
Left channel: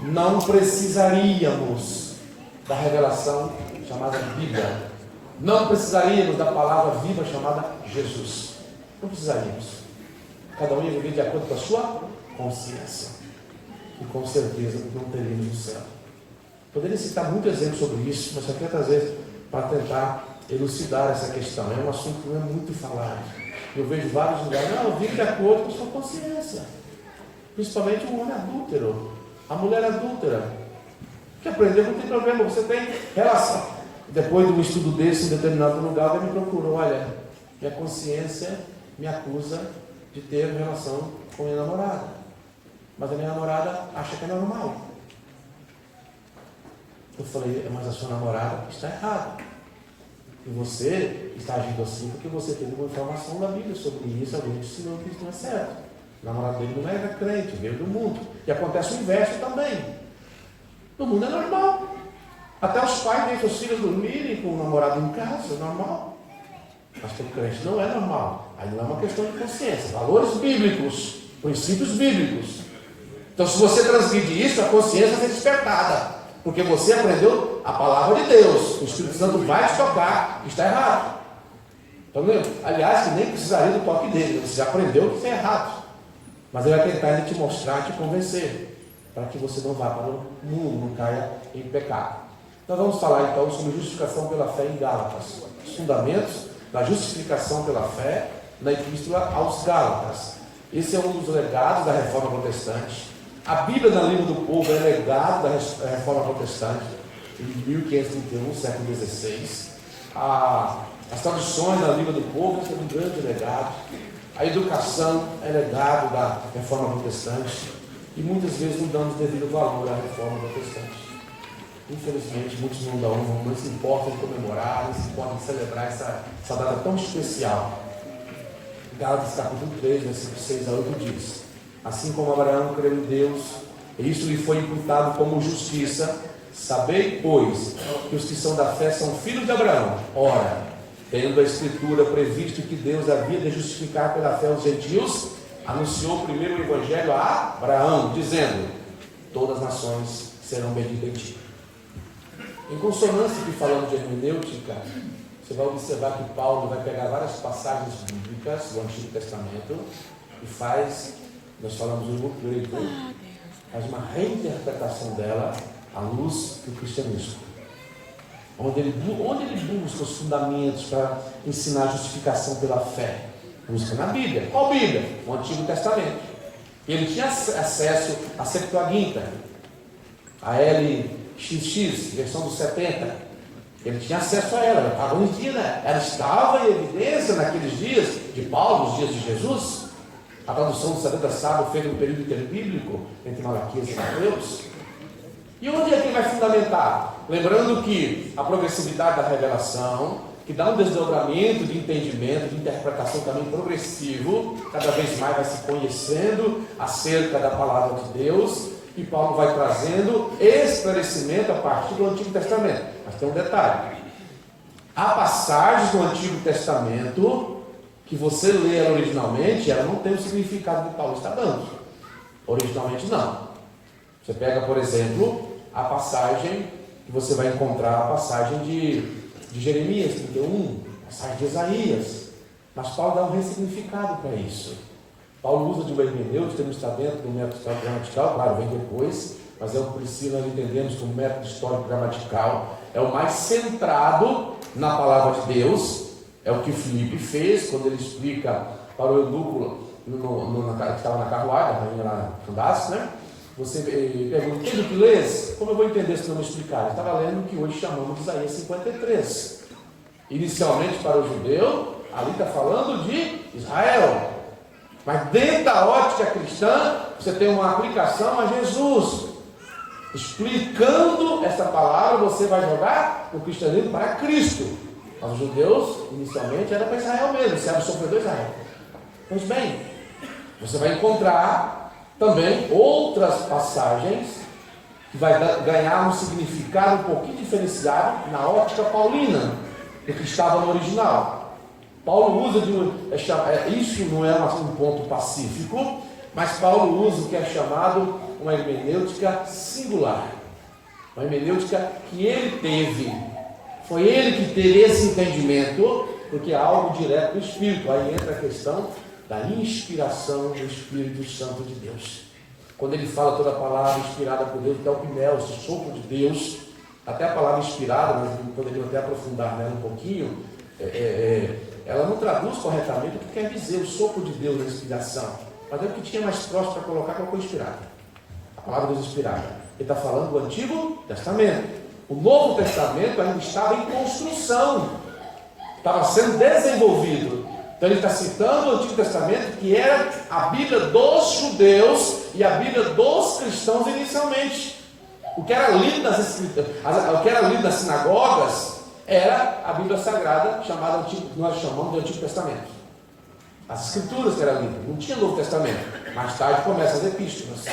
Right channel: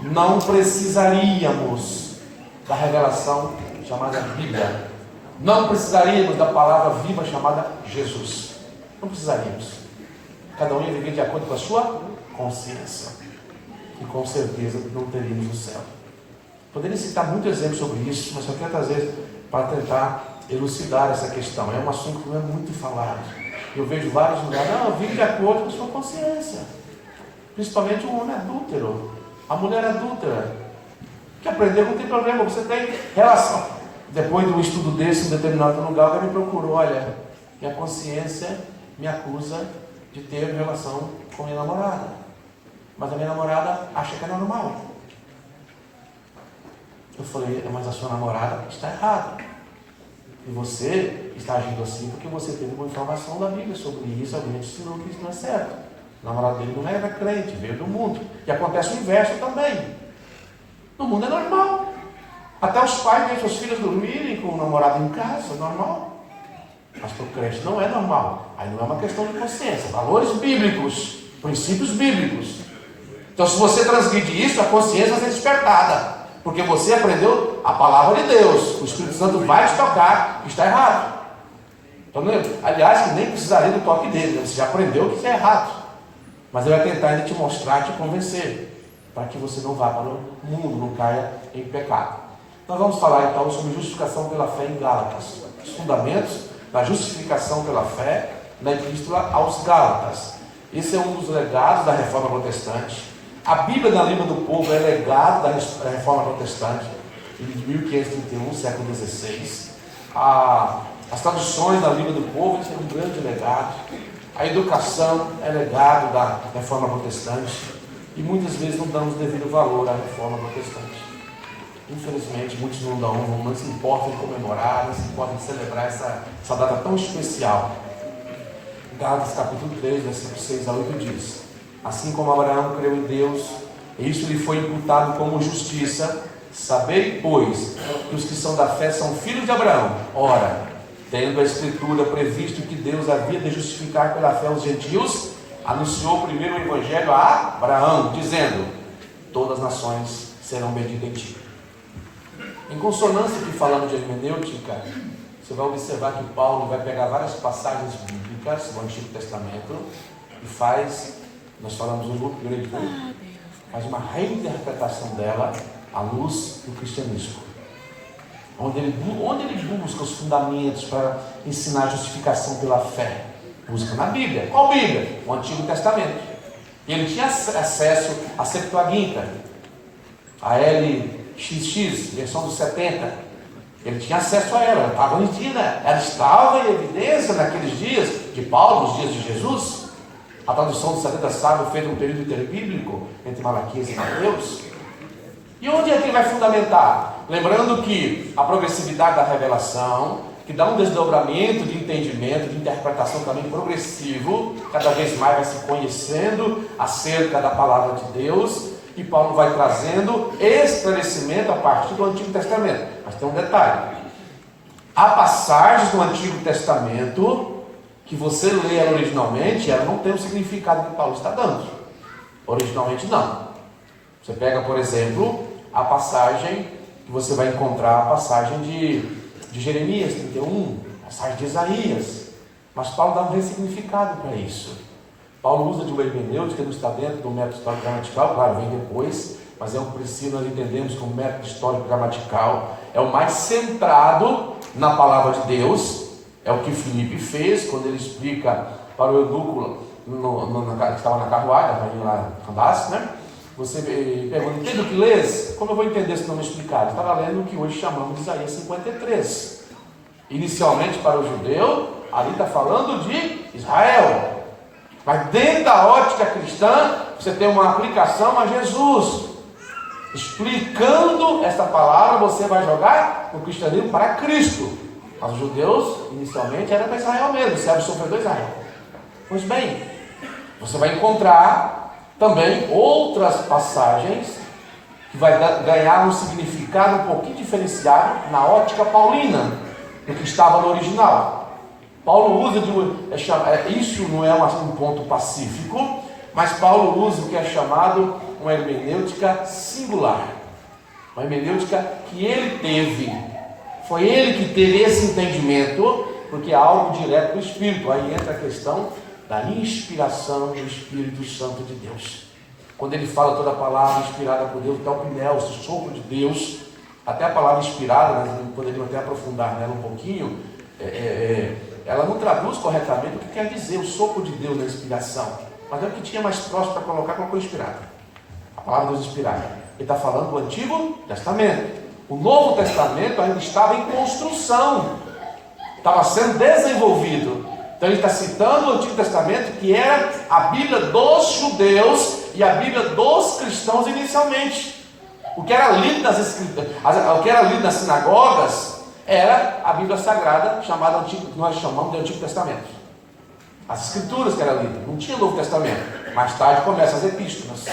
não precisaríamos da revelação chamada Bíblia. Não precisaríamos da palavra viva chamada Jesus. Não precisaríamos. Cada um ia viver de acordo com a sua consciência. E com certeza não teríamos o céu. Poderia citar muitos exemplos sobre isso, mas só quero trazer para tentar elucidar essa questão. É um assunto que não é muito falado. Eu vejo vários lugares, vive de acordo com a sua consciência. Principalmente o homem adúltero, a mulher adúltera, que aprendeu, não tem problema, você tem relação. Depois de um estudo desse em determinado lugar, alguém me procurou, olha, minha consciência me acusa de ter relação com minha namorada. Mas a minha namorada acha que é normal. Eu falei, mas a sua namorada está errada. E você está agindo assim porque você teve uma informação da Bíblia sobre isso, alguém te ensinou que isso não é certo. O namorado dele não era crente, veio do mundo. E acontece o inverso também. No mundo é normal. Até os pais deixam os filhos dormirem com o namorado em casa, é normal. Mas para o crente não é normal. Aí não é uma questão de consciência. Valores bíblicos, princípios bíblicos. Então, se você transgredir isso, a consciência vai ser despertada. Porque você aprendeu a palavra de Deus. O Espírito Santo vai te tocar que está errado. Então, aliás, que nem precisaria do toque dele. Você já aprendeu que isso é errado. Mas ele vai tentar te mostrar, te convencer. Para que você não vá para o mundo, não caia em pecado. Nós vamos falar então sobre justificação pela fé em Gálatas. Os fundamentos da justificação pela fé na Epístola aos Gálatas. Esse é um dos legados da Reforma Protestante. A Bíblia na língua do povo é legado da Reforma Protestante, em 1531, século XVI. As traduções na língua do povo são um grande legado. A educação é legado da Reforma Protestante. E muitas vezes não damos devido valor à Reforma Protestante. Infelizmente, muitos não dão, não se importam em comemorar, não se importam em celebrar essa data tão especial. Gálatas capítulo 3, versículos 6 a 8 diz: assim como Abraão creu em Deus, e isso lhe foi imputado como justiça, sabei, pois, que os que são da fé são filhos de Abraão. Ora, tendo a Escritura previsto que Deus havia de justificar pela fé os gentios, anunciou primeiro o Evangelho a Abraão, dizendo: todas as nações serão benditas em ti. Em consonância que falamos de hermenêutica, você vai observar que Paulo vai pegar várias passagens bíblicas do Antigo Testamento e nós falamos um grupo grego, faz uma reinterpretação dela à luz do cristianismo. Onde ele busca os fundamentos para ensinar a justificação pela fé? Busca na Bíblia. Qual Bíblia? O Antigo Testamento. E ele tinha acesso à Septuaginta, a LXX, versão dos 70. Ele tinha acesso a ela, ela estava em evidência naqueles dias de Paulo, nos dias de Jesus. A tradução dos 70 sábios feita no período interbíblico, entre Malaquias e Mateus. E onde é que ele vai fundamentar? Lembrando que a progressividade da revelação, que dá um desdobramento de entendimento, de interpretação também progressivo, cada vez mais vai se conhecendo acerca da palavra de Deus, e Paulo vai trazendo esclarecimento a partir do Antigo Testamento. Mas tem um detalhe: há passagens do Antigo Testamento que você lê ela originalmente, ela não tem o significado que Paulo está dando. Originalmente não. Você pega, por exemplo, a passagem que você vai encontrar, a passagem de Jeremias 31, a passagem de Isaías. Mas Paulo dá um ressignificado para isso. Paulo usa de uma hermenêutica que não está dentro do método gramatical, claro, vem depois, mas é o que nós entendemos como método histórico gramatical, é o mais centrado na palavra de Deus. É o que Filipe fez quando ele explica para o eunuco que estava na carruagem, a rainha lá Candace, né? Você pergunta, entende o que lês? Como eu vou entender se não me explicar? Ele estava lendo o que hoje chamamos de Isaías 53. Inicialmente para o judeu, ali está falando de Israel. Mas dentro da ótica cristã, você tem uma aplicação a Jesus. Explicando esta palavra, você vai jogar o cristianismo para Cristo. Mas os judeus, inicialmente, eram para Israel mesmo, servo sofredor de Israel. Pois bem, você vai encontrar também outras passagens que vai ganhar um significado um pouquinho diferenciado na ótica paulina do que estava no original. Paulo usa isso não é um ponto pacífico, mas Paulo usa o que é chamado uma hermenêutica singular, uma hermenêutica que ele teve. Foi ele que teve esse entendimento, porque é algo direto do Espírito. Aí entra a questão da inspiração do Espírito Santo de Deus. Quando ele fala toda a palavra inspirada por Deus, até o pneu, o sopro de Deus, até a palavra inspirada, nós poderíamos até aprofundar nela um pouquinho, ela não traduz corretamente o que quer dizer o sopro de Deus na inspiração, mas é o que tinha mais próximo para colocar qual foi inspirada. A palavra Deus inspirada. Ele está falando do Antigo Testamento. O Novo Testamento ainda estava em construção, estava sendo desenvolvido. Então ele está citando o Antigo Testamento, que era a Bíblia dos judeus e a Bíblia dos cristãos inicialmente. O que era lido nas sinagogas era a Bíblia Sagrada, nós chamamos de Antigo Testamento. As Escrituras que eram lidas, não tinha Novo Testamento. Mais tarde começam as epístolas,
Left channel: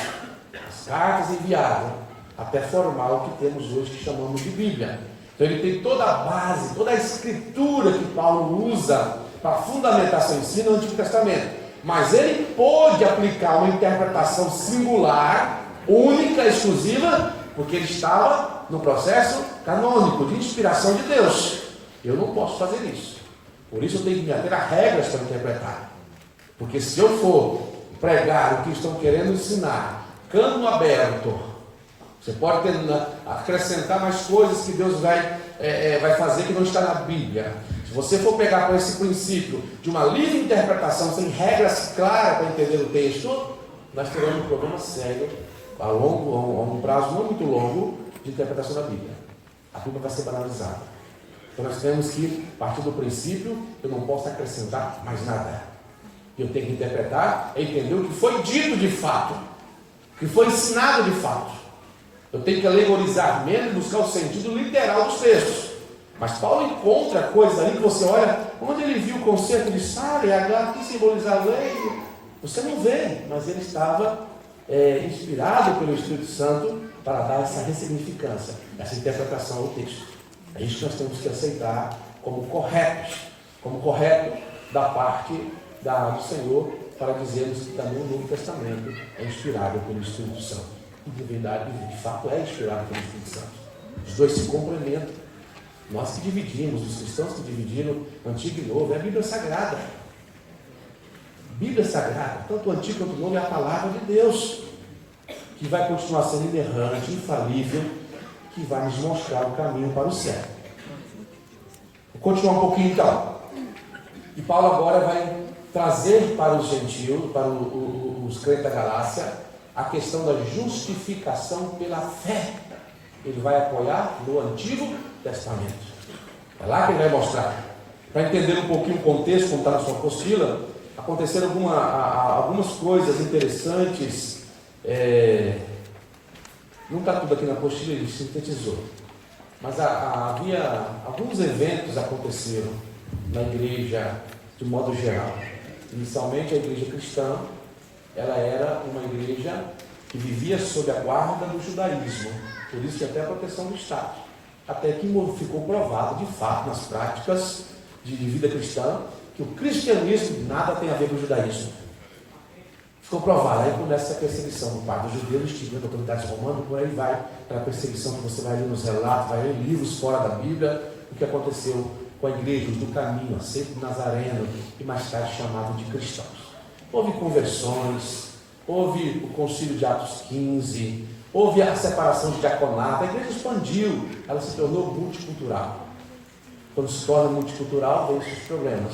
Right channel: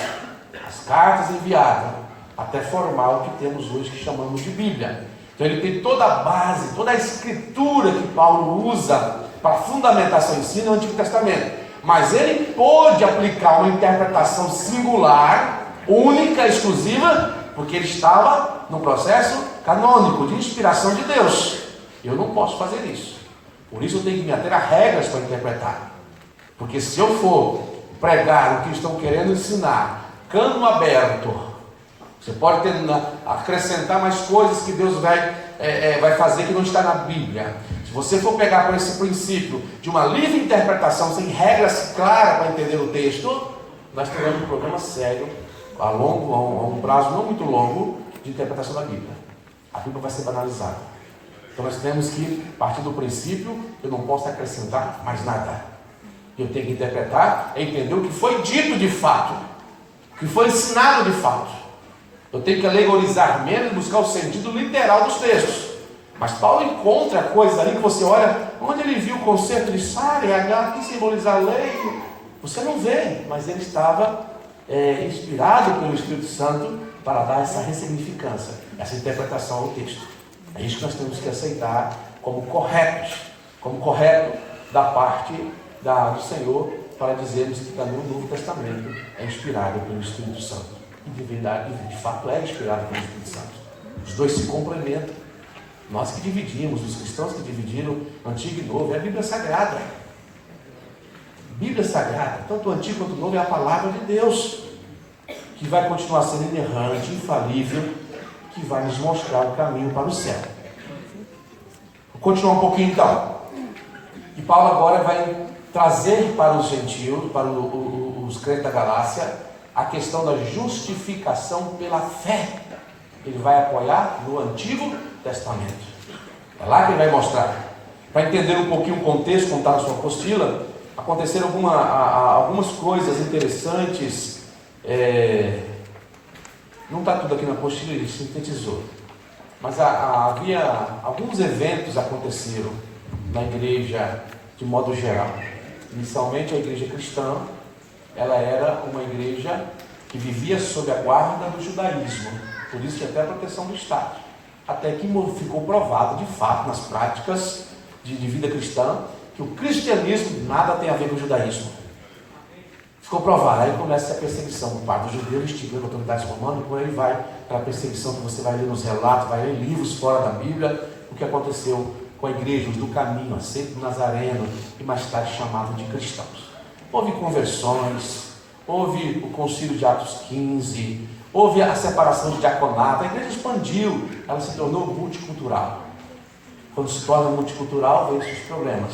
as cartas enviadas, até formar o que temos hoje que chamamos de Bíblia. Então ele tem toda a base, toda a escritura que Paulo usa para fundamentar seu ensino no Antigo Testamento. Mas ele pôde aplicar uma interpretação singular, única, exclusiva, porque ele estava no processo canônico de inspiração de Deus. Eu não posso fazer isso. Por isso eu tenho que me ater a regras para interpretar. Porque se eu for pregar o que estão querendo ensinar, cano aberto, você pode acrescentar mais coisas que Deus vai fazer que não está na Bíblia. Se você for pegar por esse princípio de uma livre interpretação, sem regras claras para entender o texto, nós teremos um problema sério, a um prazo não muito longo, de interpretação da Bíblia. A Bíblia vai ser banalizada. Então nós temos que partir do princípio, eu não posso acrescentar mais nada. Eu tenho que interpretar e entender o que foi dito de fato, o que foi ensinado de fato. Eu tenho que alegorizar menos e buscar o sentido literal dos textos. Mas Paulo encontra coisas ali que você olha, onde ele viu o conceito de Sara e H, que simbolizar a lei, você não vê, mas ele estava inspirado pelo Espírito Santo para dar essa ressignificância, essa interpretação ao texto. É isso que nós temos que aceitar como correto da parte do Senhor, para dizermos que também o Novo Testamento é inspirado pelo Espírito Santo. E de fato é inspirado pelo Espírito Santo. Os dois se complementam. Nós que dividimos, os cristãos que dividiram Antigo e Novo, é a Bíblia Sagrada. Bíblia Sagrada, tanto o Antigo quanto o Novo, é a palavra de Deus, que vai continuar sendo inerrante, infalível, que vai nos mostrar o caminho para o céu. Vou continuar um pouquinho então. E Paulo agora vai trazer para os gentios, para os crentes da Galácia, a questão da justificação pela fé. Ele vai apoiar no Antigo Testamento. É lá que ele vai mostrar. Para entender um pouquinho o contexto, como está na sua apostila, aconteceram algumas coisas interessantes. Não está tudo aqui na apostila, ele sintetizou. Mas havia alguns eventos aconteceram na igreja de modo geral. Inicialmente a igreja cristã, ela era uma igreja que vivia sob a guarda do judaísmo, por isso tinha até a proteção do Estado, até que ficou provado de fato nas práticas de vida cristã que o cristianismo nada tem a ver com o judaísmo. Ficou provado, aí começa a perseguição por parte dos judeus, instigando autoridades romanas, por aí vai aquela perseguição que você vai ler nos relatos, vai ler em livros fora da Bíblia, o que aconteceu com a igreja do caminho, a seita do Nazareno, e mais tarde chamado de cristãos. Houve conversões, houve o concílio de Atos 15, Houve a separação de diaconato, a igreja expandiu, ela se tornou multicultural. Quando se torna multicultural, vem esses problemas.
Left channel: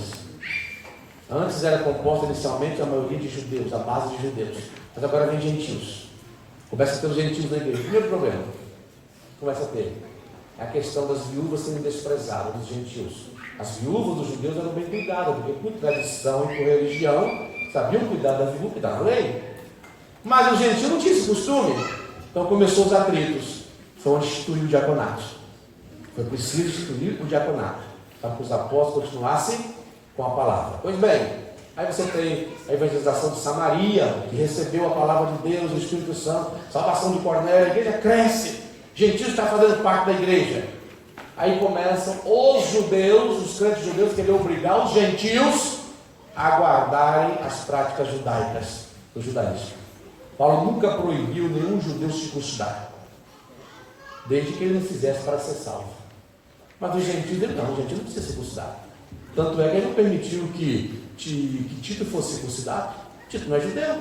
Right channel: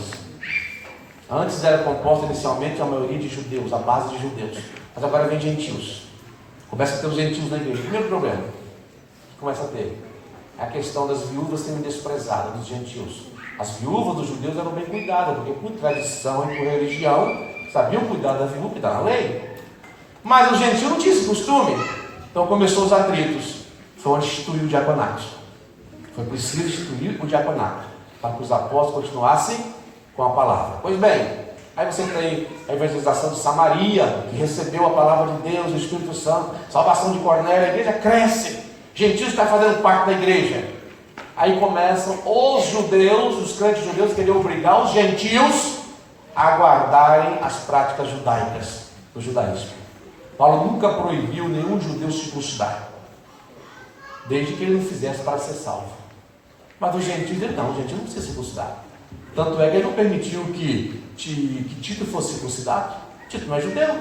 Antes era composta inicialmente a maioria de judeus, a base de judeus, mas agora vem gentios. Começa a ter os gentios na igreja. Primeiro problema que começa a ter é a questão das viúvas sendo desprezadas, dos gentios. As viúvas dos judeus eram bem cuidadas, porque por tradição e por religião sabiam cuidar da viúva, cuidar da lei. Mas os gentios não tinham esse costume. Então começou os atritos. Foi onde instituiu o diaconato. Foi preciso instituir o diaconato para que os apóstolos continuassem com a palavra. Pois bem, aí você tem a evangelização de Samaria, que recebeu a palavra de Deus, o Espírito Santo, salvação de Cornélio, a igreja cresce, gentios está fazendo parte da igreja. Aí começam os judeus, os crentes judeus, querem obrigar os gentios a guardarem as práticas judaicas do judaísmo. Paulo nunca proibiu nenhum judeu circuncidar, desde que ele não fizesse para ser salvo. Mas os gentios, ele não, o gentio não precisa circuncidar. Tanto é que ele não permitiu que Tito fosse circuncidado. Tito não é judeu,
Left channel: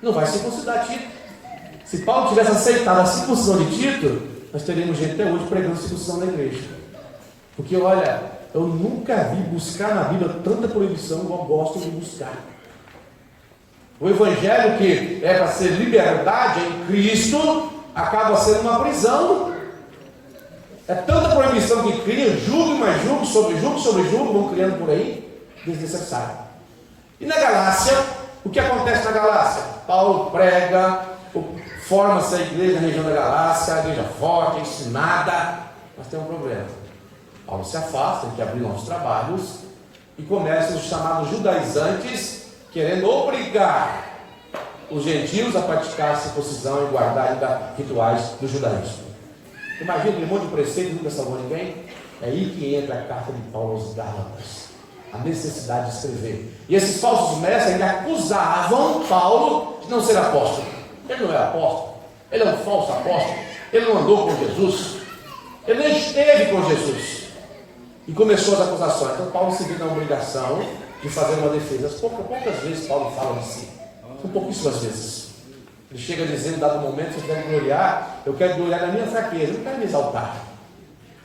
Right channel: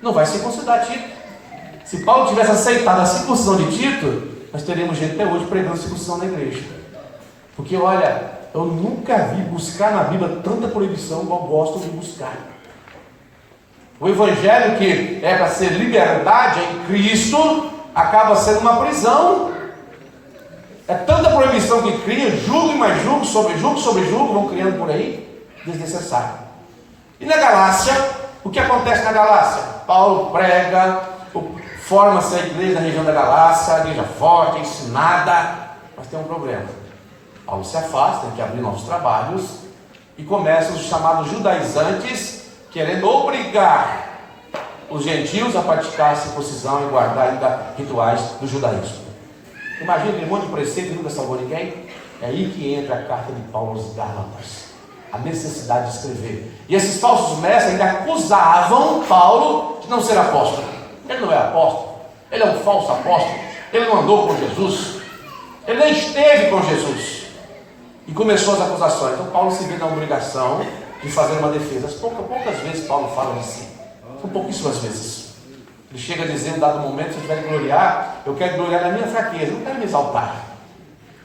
não vai circuncidar Tito. Se Paulo tivesse aceitado a circuncisão de Tito, nós teríamos gente até hoje pregando circuncisão na igreja. Porque olha, eu nunca vi buscar na Bíblia tanta proibição igual gosto de buscar. O evangelho, que é para ser liberdade em Cristo, acaba sendo uma prisão. É tanta proibição que cria, julgo e mais julgo, sobre julgo, vão criando por aí, desnecessário. E na Galácia, o que acontece na Galácia? Paulo prega, forma-se a igreja na região da Galácia, a igreja forte, ensinada, mas tem um problema. Paulo se afasta, tem que abrir novos trabalhos, e começam os chamados judaizantes, querendo obrigar os gentios a praticar a circuncisão e guardar ainda rituais do judaísmo. Imagina aquele monte de preceito e nunca salvou ninguém. É aí que entra a carta de Paulo aos Gálatas, a necessidade de escrever. E esses falsos mestres ainda acusavam Paulo de não ser apóstolo. Ele não é apóstolo, ele é um falso apóstolo, ele não andou com Jesus, ele nem esteve com Jesus. E começou as acusações. Então Paulo se vê na obrigação de fazer uma defesa. Poucas vezes Paulo fala de si, são pouquíssimas vezes. Ele chega a dizer, em dado momento, se eu tiver que gloriar, eu quero gloriar na minha fraqueza, eu não quero me exaltar.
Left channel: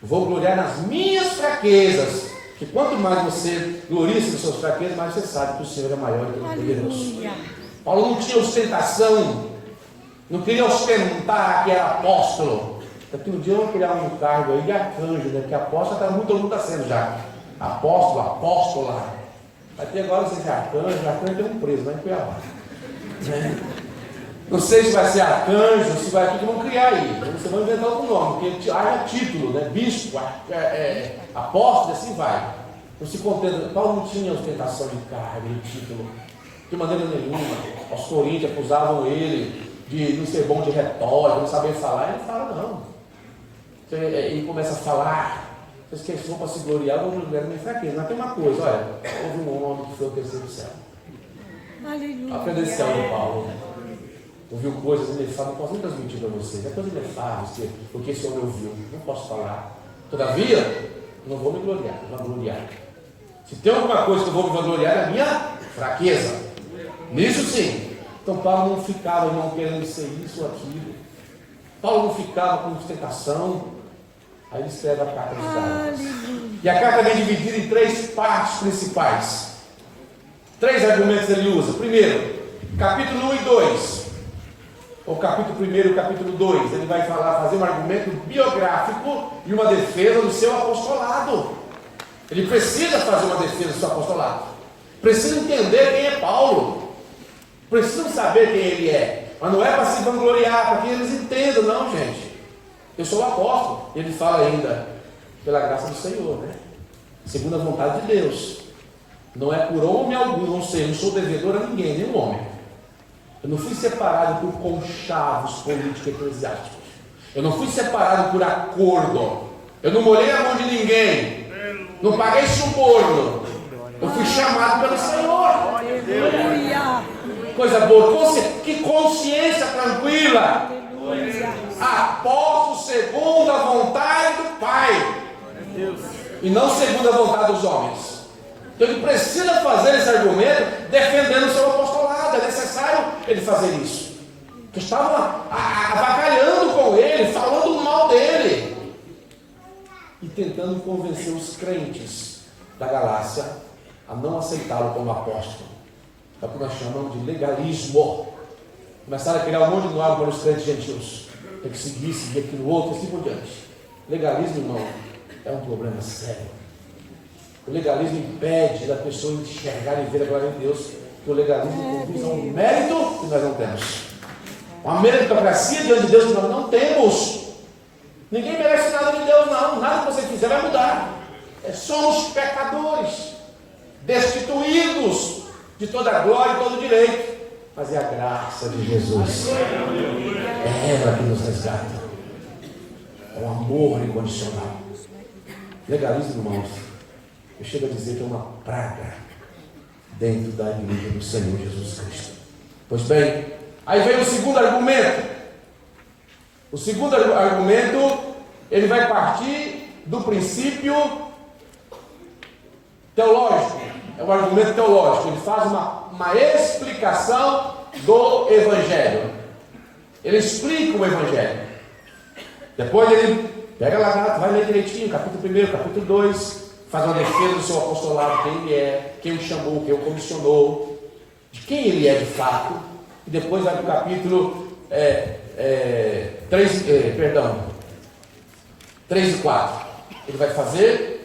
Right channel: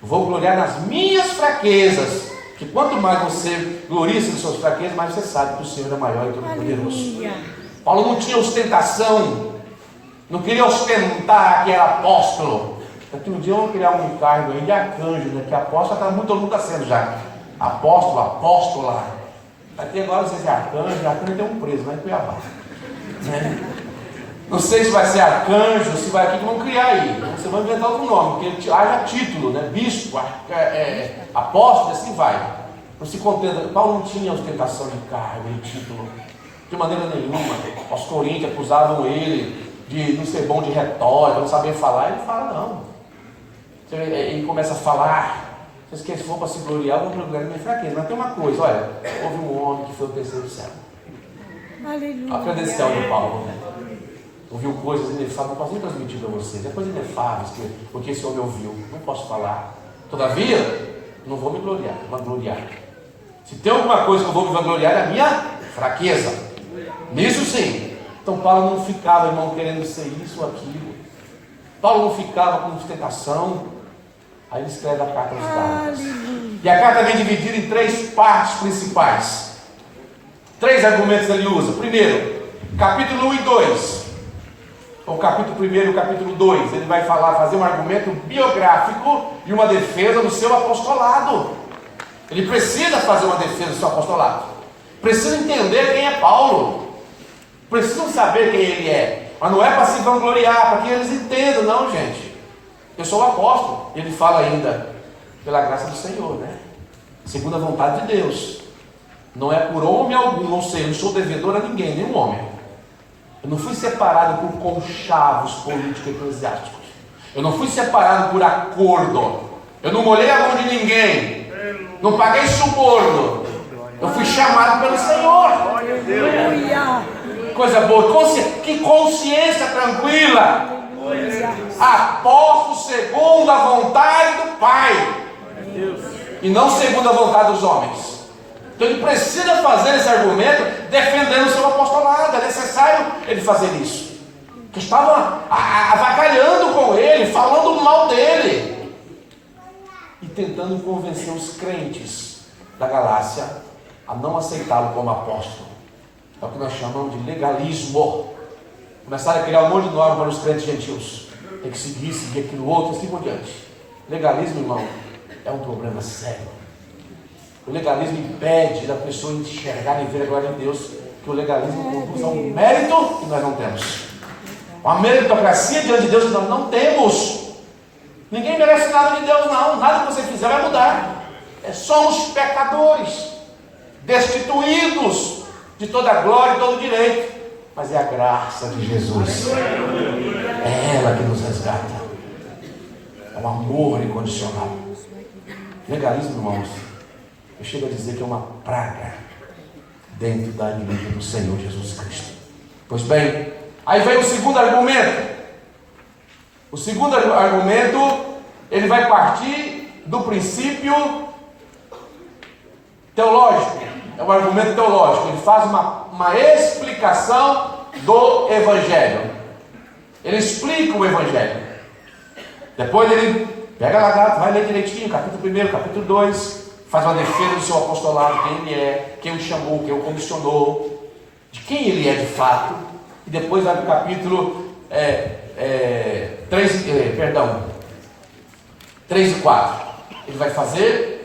Eu vou gloriar nas minhas fraquezas. Que quanto mais você gloria-se nas suas fraquezas, mais você sabe que o Senhor é maior e todo-poderoso. Paulo não tinha ostentação, não queria ostentar que era apóstolo. Daqui no dia eu vou criar um cargo aí de arcanjo, né? Que apóstolo todo mundo está sendo já. Apóstolo, apóstola. Vai ter agora você é arcanjo tem um preso lá em Cuiabá. Não sei se vai ser arcanjo, se vai aqui que vão criar aí. Você vai inventar outro nome, porque haja título, né? Bispo, apóstolo, assim vai. Não se contenta. Paulo não tinha ostentação de cargo, de título, de maneira nenhuma. Os coríntios acusavam ele de não ser bom de retórica, não saber falar. Ele fala, não. Ele começa a falar. Vocês que for para se gloriar, vão gloriar na minha fraqueza. Mas tem uma coisa, olha, houve um homem que foi o terceiro céu. A credencial de Paulo. Ouviu coisas inefáveis, não posso nem transmitir para vocês. É coisas inefáveis porque esse homem ouviu. Não posso falar. Todavia, não vou me gloriar, vou gloriar. Se tem alguma coisa que eu vou me vangloriar, é a minha fraqueza. Nisso sim. Então Paulo não ficava, irmão, querendo ser isso ou aquilo. Paulo não ficava com ostentação. Aí ele escreve a carta aos Gálatas. E a carta vem dividida em 3 partes principais. 3 argumentos ele usa. Primeiro, capítulo 1 e 2. O capítulo 1 e o capítulo 2, ele vai fazer um argumento biográfico e uma defesa do seu apostolado. Ele precisa fazer uma defesa do seu apostolado. Precisa entender quem é Paulo. Precisam saber quem ele é. Mas não é para se vangloriar, para que eles entendam, não, gente. Eu sou o apóstolo. Ele fala ainda, pela graça do Senhor, né? Segundo a vontade de Deus. Não é por homem algum, não sei, eu não sou devedor a ninguém, nenhum homem. Eu não fui separado por conchavos políticos eclesiásticos. Eu não fui separado por acordo. Eu não molhei a mão de ninguém. Não paguei suborno. Eu fui chamado pelo Senhor. Coisa boa. Que consciência tranquila. Apóstolo segundo a vontade do Pai. E não segundo a vontade dos homens. Então ele precisa fazer esse argumento defendendo o seu apostolado. É necessário ele fazer isso. que estavam avacalhando com ele, falando mal dele e tentando convencer os crentes da Galácia a não aceitá-lo como apóstolo. É o que nós chamamos de legalismo. Começaram a criar um monte de norma para os crentes gentios. Tem que seguir aquilo outro, assim por diante. Legalismo, irmão, é um problema sério. O legalismo impede da pessoa enxergar e ver a glória de Deus, que o legalismo conduz a um mérito que nós não temos. Uma meritocracia diante de Deus que nós não temos. Ninguém merece nada de Deus, não. Nada que você fizer vai mudar. Somos pecadores, destituídos de toda a glória e todo o direito. Mas é a graça de Jesus. É ela que nos resgata. É um amor incondicional. Legalismo, irmãos, eu chego a dizer que é uma praga dentro da igreja do Senhor Jesus Cristo. Pois bem, aí vem o segundo argumento. O segundo argumento, ele vai partir do princípio teológico. É um argumento teológico. Ele faz uma explicação do Evangelho. Ele explica o Evangelho. Depois ele pega lá, vai ler direitinho, capítulo 1, capítulo 2, faz uma defesa do seu apostolado, quem ele é, quem o chamou, quem o comissionou, de quem ele é de fato. E depois vai para o capítulo 3 e 4. Ele vai fazer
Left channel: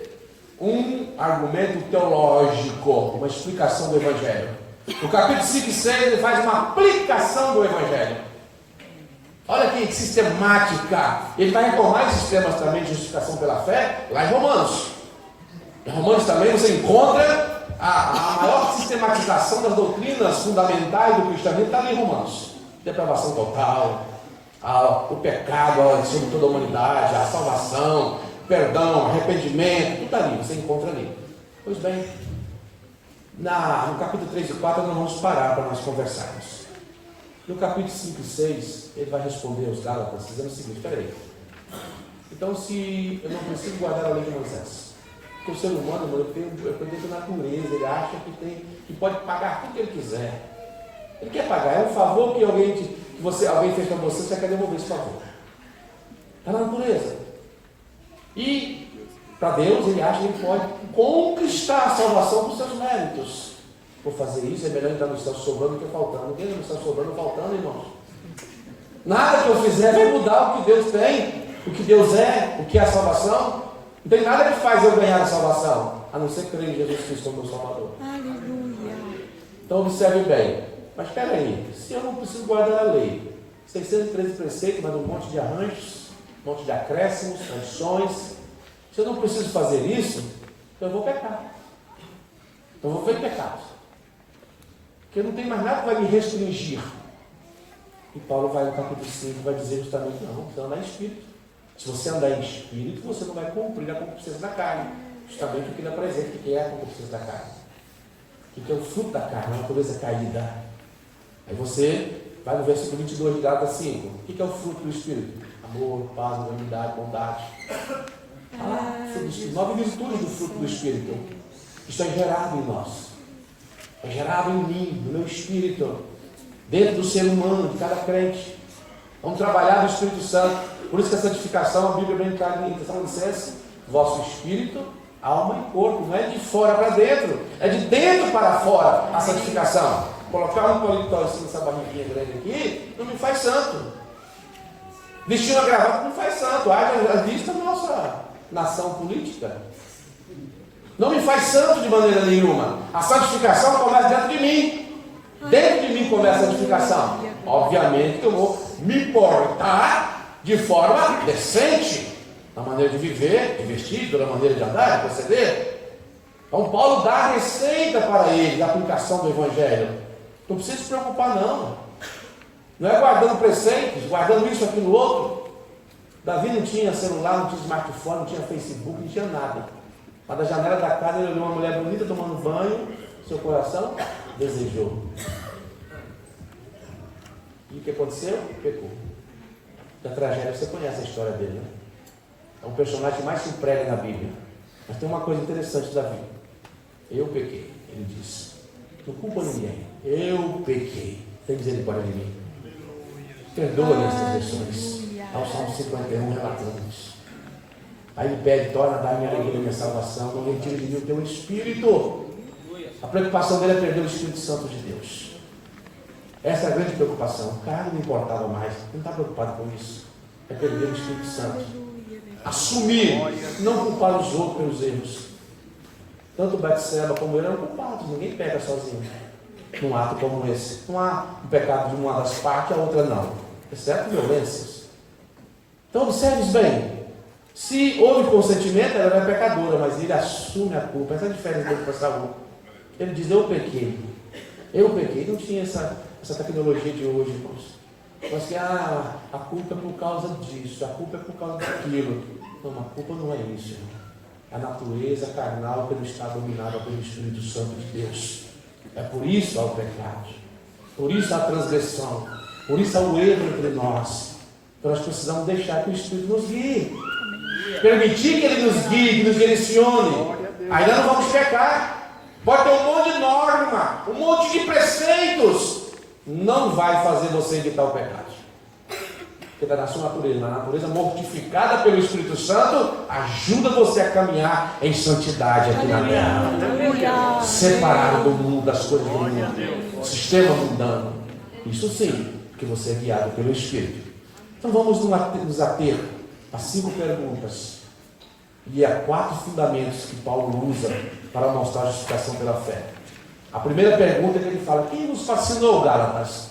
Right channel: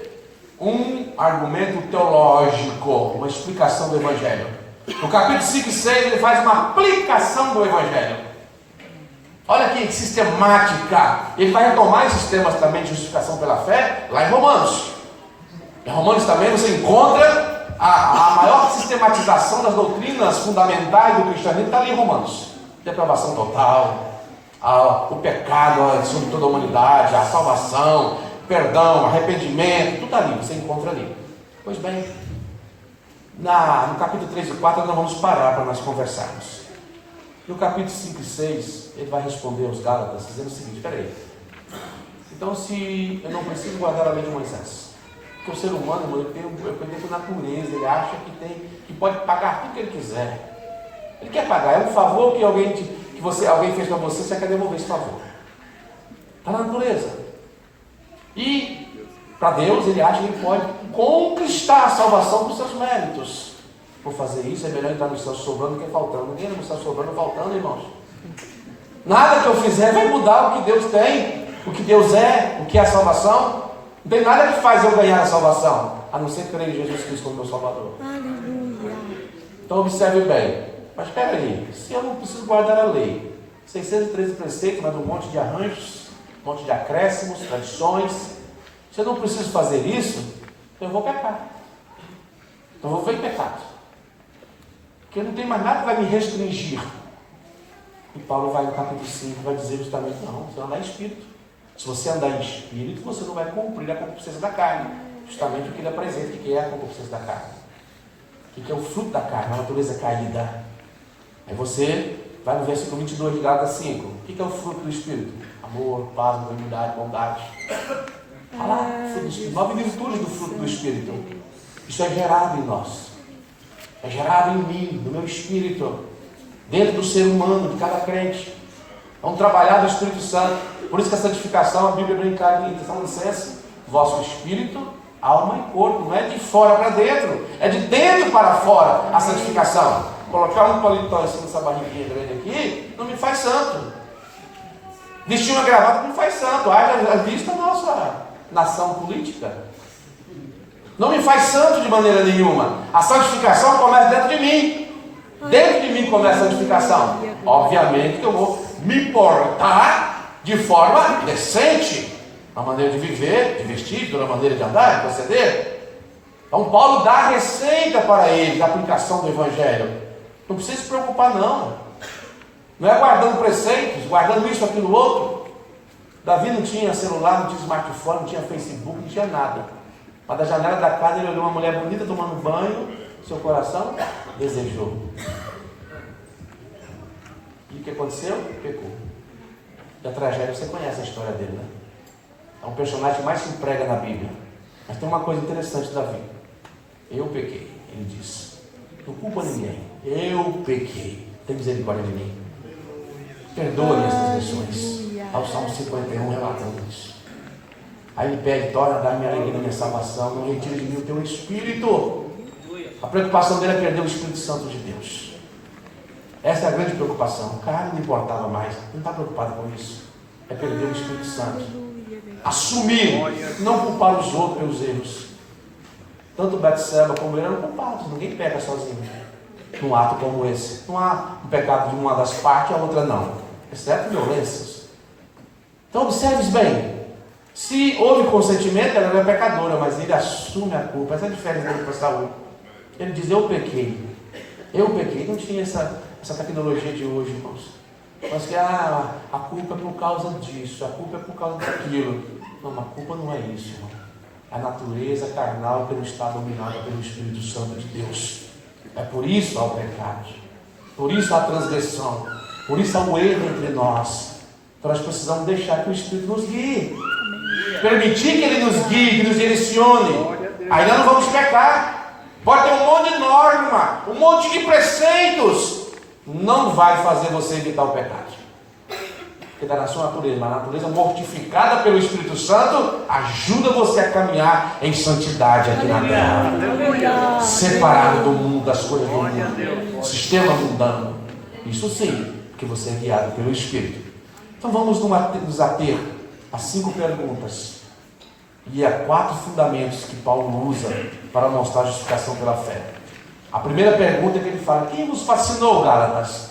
um argumento teológico, uma explicação do Evangelho. No capítulo 5 e 6 ele faz uma aplicação do Evangelho. Olha que sistemática. Ele vai retomar esses temas também de justificação pela fé lá em Romanos. Em Romanos também você encontra a maior sistematização das doutrinas fundamentais do cristianismo, está ali em Romanos. Depravação total, o pecado sobre toda a humanidade, a salvação, perdão, arrependimento, tudo ali, você encontra ali. Pois bem, no capítulo 3 e 4 nós vamos parar para nós conversarmos. No capítulo 5 e 6, ele vai responder aos Gálatas, dizendo o seguinte: espera aí, então se eu não preciso guardar a lei de Moisés, porque o ser humano, irmão, ele tem dentro da natureza, ele acha que pode pagar tudo que ele quiser. Ele quer pagar, é um favor que alguém fez para você, você quer devolver esse favor. Está na natureza. E para Deus ele acha que ele pode conquistar a salvação por seus méritos. Por fazer isso é melhor então não estar sobrando do que faltando. Ninguém não está sobrando ou faltando, irmãos. Nada que eu fizer vai mudar o que Deus tem, o que Deus é, o que é a salvação. Não tem nada que faz eu ganhar a salvação, a não ser crer em Jesus Cristo como meu Salvador. Então observe bem. Mas espera aí, se eu não preciso guardar a lei, 613 preceitos, mas um monte de arranjos, um monte de acréscimos, tradições, se eu não preciso fazer isso, eu vou pecar. Então eu vou ver pecado. Porque não tem mais nada que vai me restringir. E Paulo vai no capítulo 5 vai dizer justamente: não, você não é espírito. Se você andar em espírito, você não vai cumprir a concupiscência da carne. Justamente o que ele apresenta, o que é a concupiscência da carne. O que é o fruto da carne, a natureza caída. Aí você vai no versículo 22 de Gálatas 5. O que é o fruto do Espírito? Amor, paz, benignidade, bondade. Olha lá, fruto do Espírito. 9 virtudes do fruto do Espírito. Isso é gerado em nós. É gerado em mim, no meu espírito, dentro do ser humano, de cada crente. Vamos trabalhar do Espírito Santo. Por isso que a santificação, a Bíblia bem clara em Tessalonicenses: vosso espírito, alma e corpo. Não é de fora para dentro, é de dentro para fora a santificação. Colocar um paletó em cima dessa barriguinha grande aqui não me faz santo. Vestir uma gravata não me faz santo. Haja vista a nossa nação política. Não me faz santo de maneira nenhuma. A santificação começa dentro de mim. Dentro de mim começa a santificação. Obviamente que eu vou me portar de forma decente, na maneira de viver, de vestir, na maneira de andar, de proceder. Então Paulo dá a receita para ele da aplicação do Evangelho. Não precisa se preocupar, não. Não é guardando preceitos, guardando isso, aquilo, outro. Davi não tinha celular, não tinha smartphone, não tinha Facebook, não tinha nada. Mas da janela da casa ele olhou uma mulher bonita tomando banho, seu coração desejou. E o que aconteceu? Pecou. Da tragédia, você conhece a história dele, né? É um personagem que mais se emprega na Bíblia. Mas tem uma coisa interessante da Bíblia. Eu pequei, ele disse. Não culpa ninguém. Eu pequei. Tem misericórdia de mim. Perdoa minhas transgressões. Ao Salmo 51 relatando isso. Aí ele pede, torna a dar-me a alegria da minha salvação, não retire de mim o teu Espírito. A preocupação dele é perder o Espírito Santo de Deus. Essa é a grande preocupação. O cara não importava mais, não está preocupado com isso. É perder o Espírito Santo. Assumir, não culpar os outros pelos erros. Tanto Betseba como ele eram culpados, ninguém pega sozinho num ato como esse. Não há um pecado de uma das partes e a outra não, exceto violências. Então observe bem, se houve consentimento, ela era pecadora, mas ele assume a culpa. Essa é a diferença dele para Saul. Ele diz, eu pequei, não tinha essa tecnologia de hoje, irmãos. Mas que a culpa é por causa disso, a culpa é por causa daquilo. Não, a culpa não é isso, irmão. A natureza carnal que não está dominada pelo Espírito Santo de Deus. É por isso há o pecado, por isso há a transgressão, por isso há o erro entre nós. Então nós precisamos deixar que o Espírito nos guie, permitir que Ele nos guie, que nos direcione. Aí nós não vamos pecar. Pode ter um monte de norma, um monte de preceitos, não vai fazer você evitar o pecado. Porque está na sua natureza, mas a natureza mortificada pelo Espírito Santo ajuda você a caminhar em santidade aqui na terra, separado do mundo, das coisas do mundo, sistema mundano. Isso sim, porque você é guiado pelo Espírito. Então vamos nos ater a 5 perguntas e a 4 fundamentos que Paulo usa para mostrar a justificação pela fé. A primeira pergunta é que ele fala: quem vos fascinou, Gálatas?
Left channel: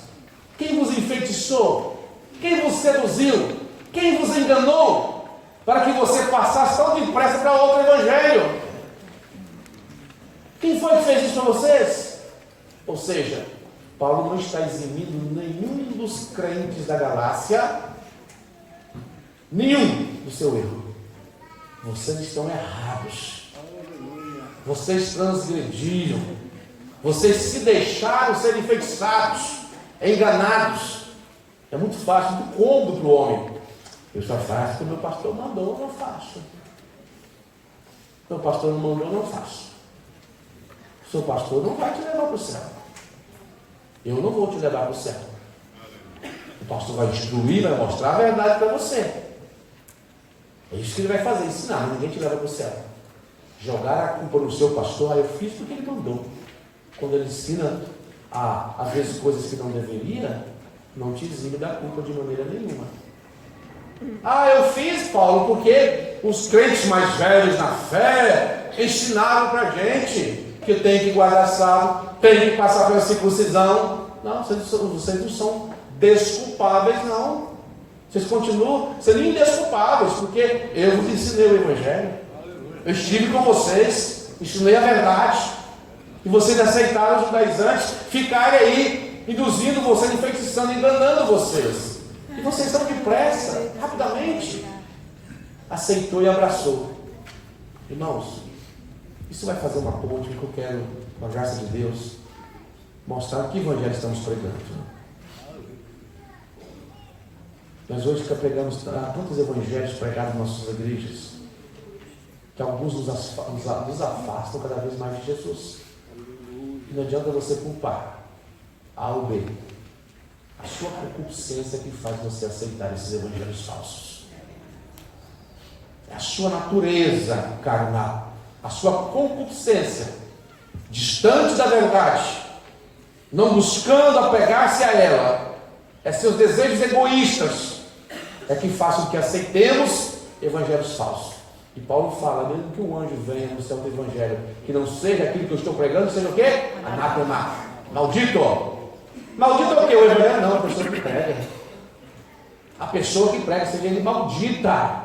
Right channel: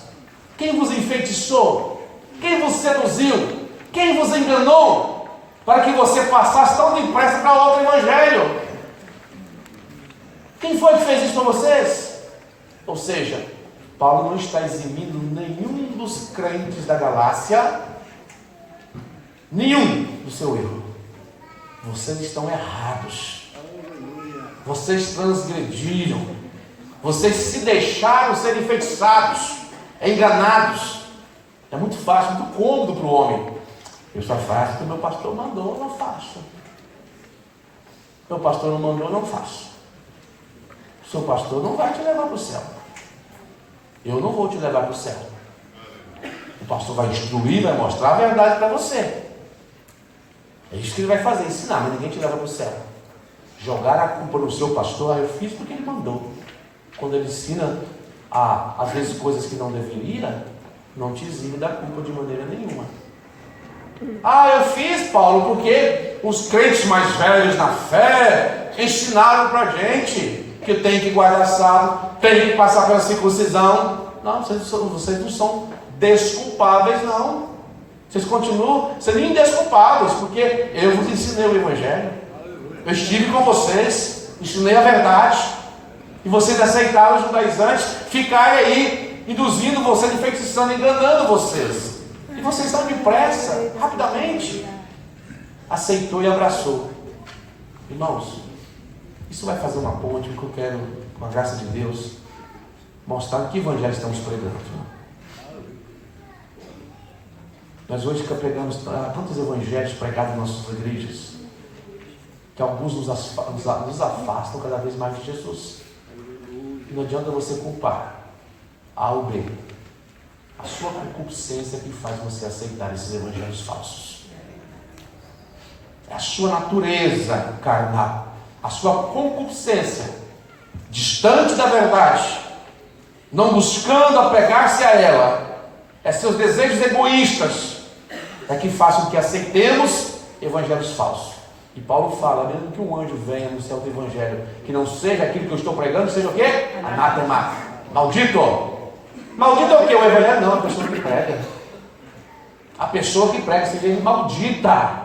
Quem vos enfeitiçou? Quem vos seduziu? Quem vos enganou? Para que você passasse tão depressa para outro evangelho? Quem foi que fez isso para vocês? Ou seja, Paulo não está eximindo nenhum dos crentes da Galácia, nenhum do seu erro. Vocês estão errados. Vocês transgrediram. Vocês se deixaram ser enfeitiçados, enganados. É muito fácil, muito cômodo para o homem. Eu só faço porque meu pastor mandou, eu não faço. Meu pastor não mandou, eu não faço. O seu pastor não vai te levar para o céu. Eu não vou te levar para o céu. O pastor vai instruir, vai mostrar a verdade para você. É isso que ele vai fazer, ensinar, mas ninguém te leva para o céu. Jogar a culpa no seu pastor, eu fiz porque ele mandou. Quando ele ensina, às vezes, coisas que não deveria, não te exime da culpa de maneira nenhuma. Eu fiz, Paulo, porque os crentes mais velhos na fé ensinaram para a gente que tem que guardar sábado, tem que passar pela circuncisão. Não, vocês não são desculpáveis, não. Vocês continuam sendo indesculpáveis, porque eu vos ensinei o Evangelho. Eu estive com vocês, ensinei a verdade, e vocês aceitaram os judaizantes ficarem aí induzindo vocês, enfeitiçando, enganando vocês. E vocês estão depressa, rapidamente. Aceitou e abraçou. Irmãos, isso vai fazer uma ponte que eu quero, com a graça de Deus, mostrar que evangelho estamos pregando. Nós hoje pregamos tantos evangelhos pregados nas nossas igrejas, que alguns nos afastam cada vez mais de Jesus. E não adianta você culpar A ou B. A sua concupiscência que faz você aceitar esses evangelhos falsos. É a sua natureza carnal, a sua concupiscência, distante da verdade, não buscando apegar-se a ela, é seus desejos egoístas, é que fazem com que aceitemos evangelhos falsos. E Paulo fala, mesmo que um anjo venha no céu do evangelho, que não seja aquilo que eu estou pregando, seja o quê? Anátema, maldito. Maldito é o quê? O evangelho não, a pessoa que prega. A pessoa que prega, seja ele maldita,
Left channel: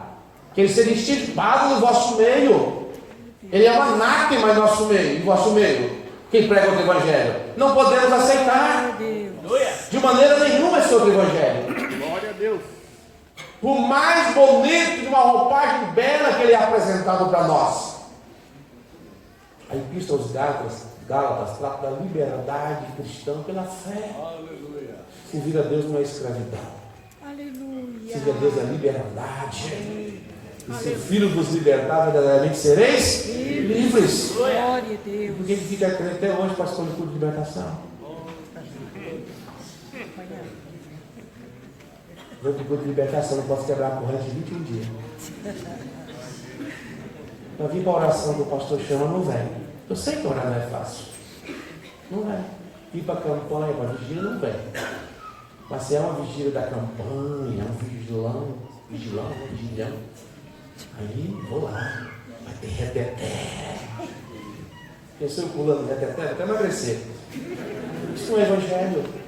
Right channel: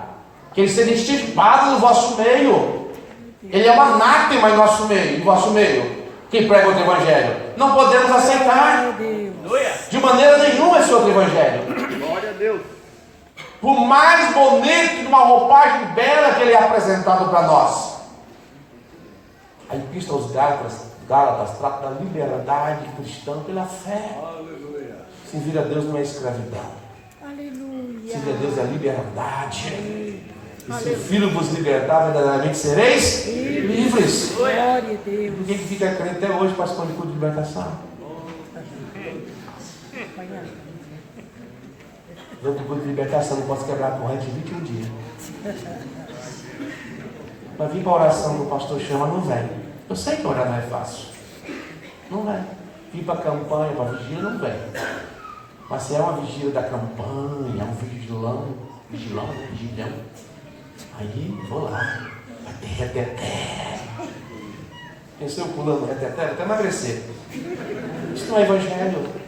que ele seja extirpado no vosso meio. Ele é um anátema em nosso meio, no vosso meio. Quem prega outro evangelho, não podemos aceitar de maneira nenhuma esse outro evangelho. Glória a Deus. Por mais bonito de uma roupagem bela que ele é apresentado para nós. A epístola aos Gálatas trata da liberdade cristã pela fé. Aleluia. Servir a Deus não é escravidão. Aleluia. Servir a Deus é liberdade. E se o Filho vos libertar, verdadeiramente sereis livres. Glória a Deus. Ninguém que fica crente até hoje participando de culto de libertação. Eu procuro de libertação, não posso quebrar a corrente de 21 dias. Mas vir para a oração que o pastor chama, não vem. Eu sei que orar não é fácil. Não vem. Vir para a campanha, para a vigília, não vem. Mas se é uma vigília da campanha, um vigilão, aí vou lá. Vai ter reteté. Pensei eu pulando reteté, vou até emagrecer. Isso não é evangelho.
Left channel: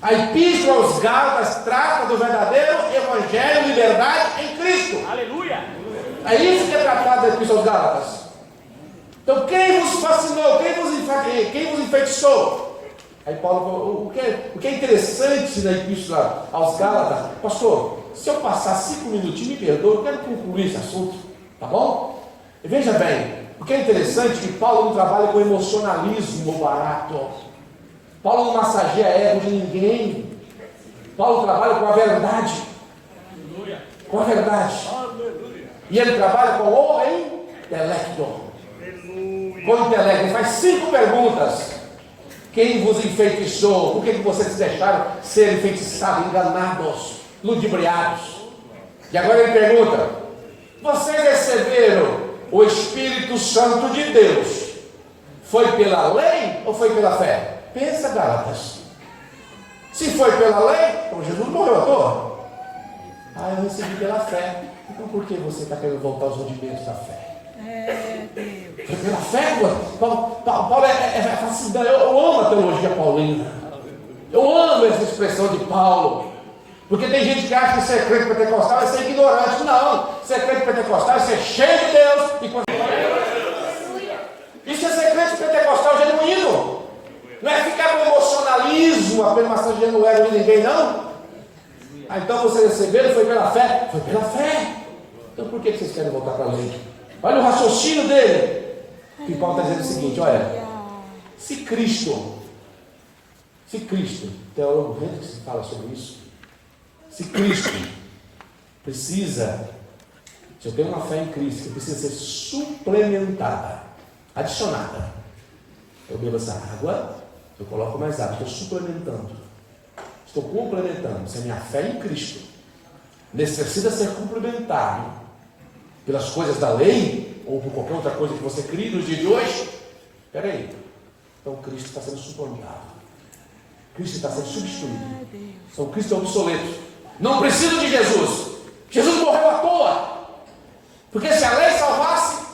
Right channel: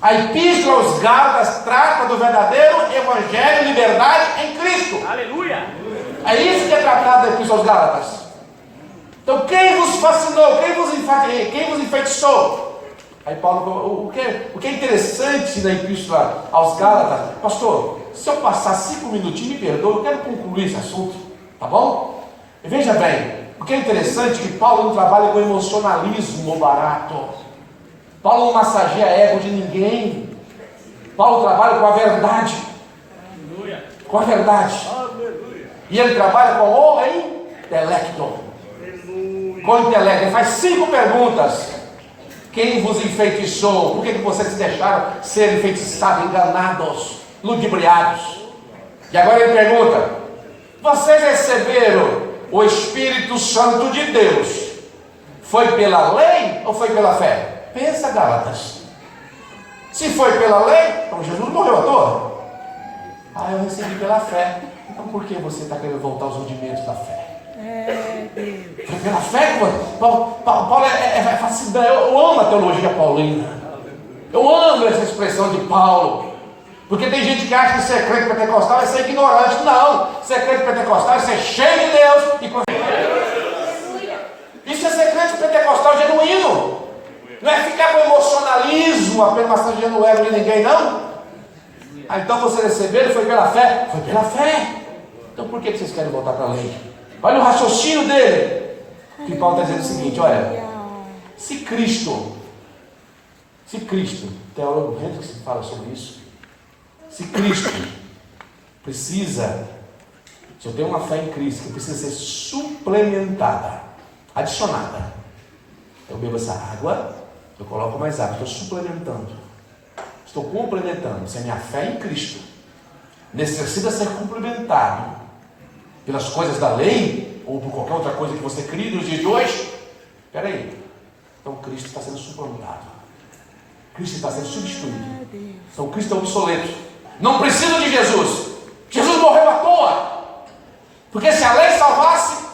A epístola aos Gálatas trata do verdadeiro evangelho e liberdade em Cristo. Aleluia! É isso que é tratado da epístola aos Gálatas. Então quem vos fascinou? Quem vos enfeitiçou? Aí Paulo, o que é interessante na epístola aos Gálatas, pastor, se eu passar 5 minutinhos, me perdoe, eu quero concluir esse assunto, tá bom? E veja bem, o que é interessante é que Paulo não trabalha com emocionalismo barato. Paulo não massageia ego de ninguém. Paulo trabalha com a verdade. Com a verdade. E ele trabalha com o intelecto. Com o intelecto. Ele faz 5 perguntas. Quem vos enfeitiçou? Por que vocês se deixaram ser enfeitiçados, enganados, ludibriados? E agora ele pergunta: vocês receberam o Espírito Santo de Deus? Foi pela lei ou foi pela fé? Pensa, Gálatas. Se foi pela lei, então Jesus morreu à toa. Eu recebi pela fé. Então por que você está querendo voltar aos rudimentos da fé? Foi pela fé? Paulo é fascinante. Eu amo a teologia paulina. Eu amo essa expressão de Paulo. Porque tem gente que acha que ser crente pentecostal é ser ignorante. Não, ser crente pentecostal é ser cheio de Deus. Isso é ser crente pentecostal genuíno. Não é ficar com emocionalismo, apenas massageando o ego de ninguém, não. Então você recebeu, foi pela fé? Foi pela fé. Então por que vocês querem voltar para a lei? Olha o raciocínio dele. Que Paulo está dizendo o seguinte: olha, se Cristo, teólogo jeito que se fala sobre isso, se Cristo precisa, se eu tenho uma fé em Cristo que precisa ser suplementada, adicionada, eu bebo essa água, eu coloco mais água, estou suplementando, estou complementando. Se a minha fé em Cristo necessita ser complementado pelas coisas da lei, ou por qualquer outra coisa que você crie nos dias de hoje, espera aí, então Cristo está sendo suplantado, Cristo está sendo substituído, então Cristo é obsoleto, não preciso de Jesus. Jesus morreu à toa, porque se a lei salvasse,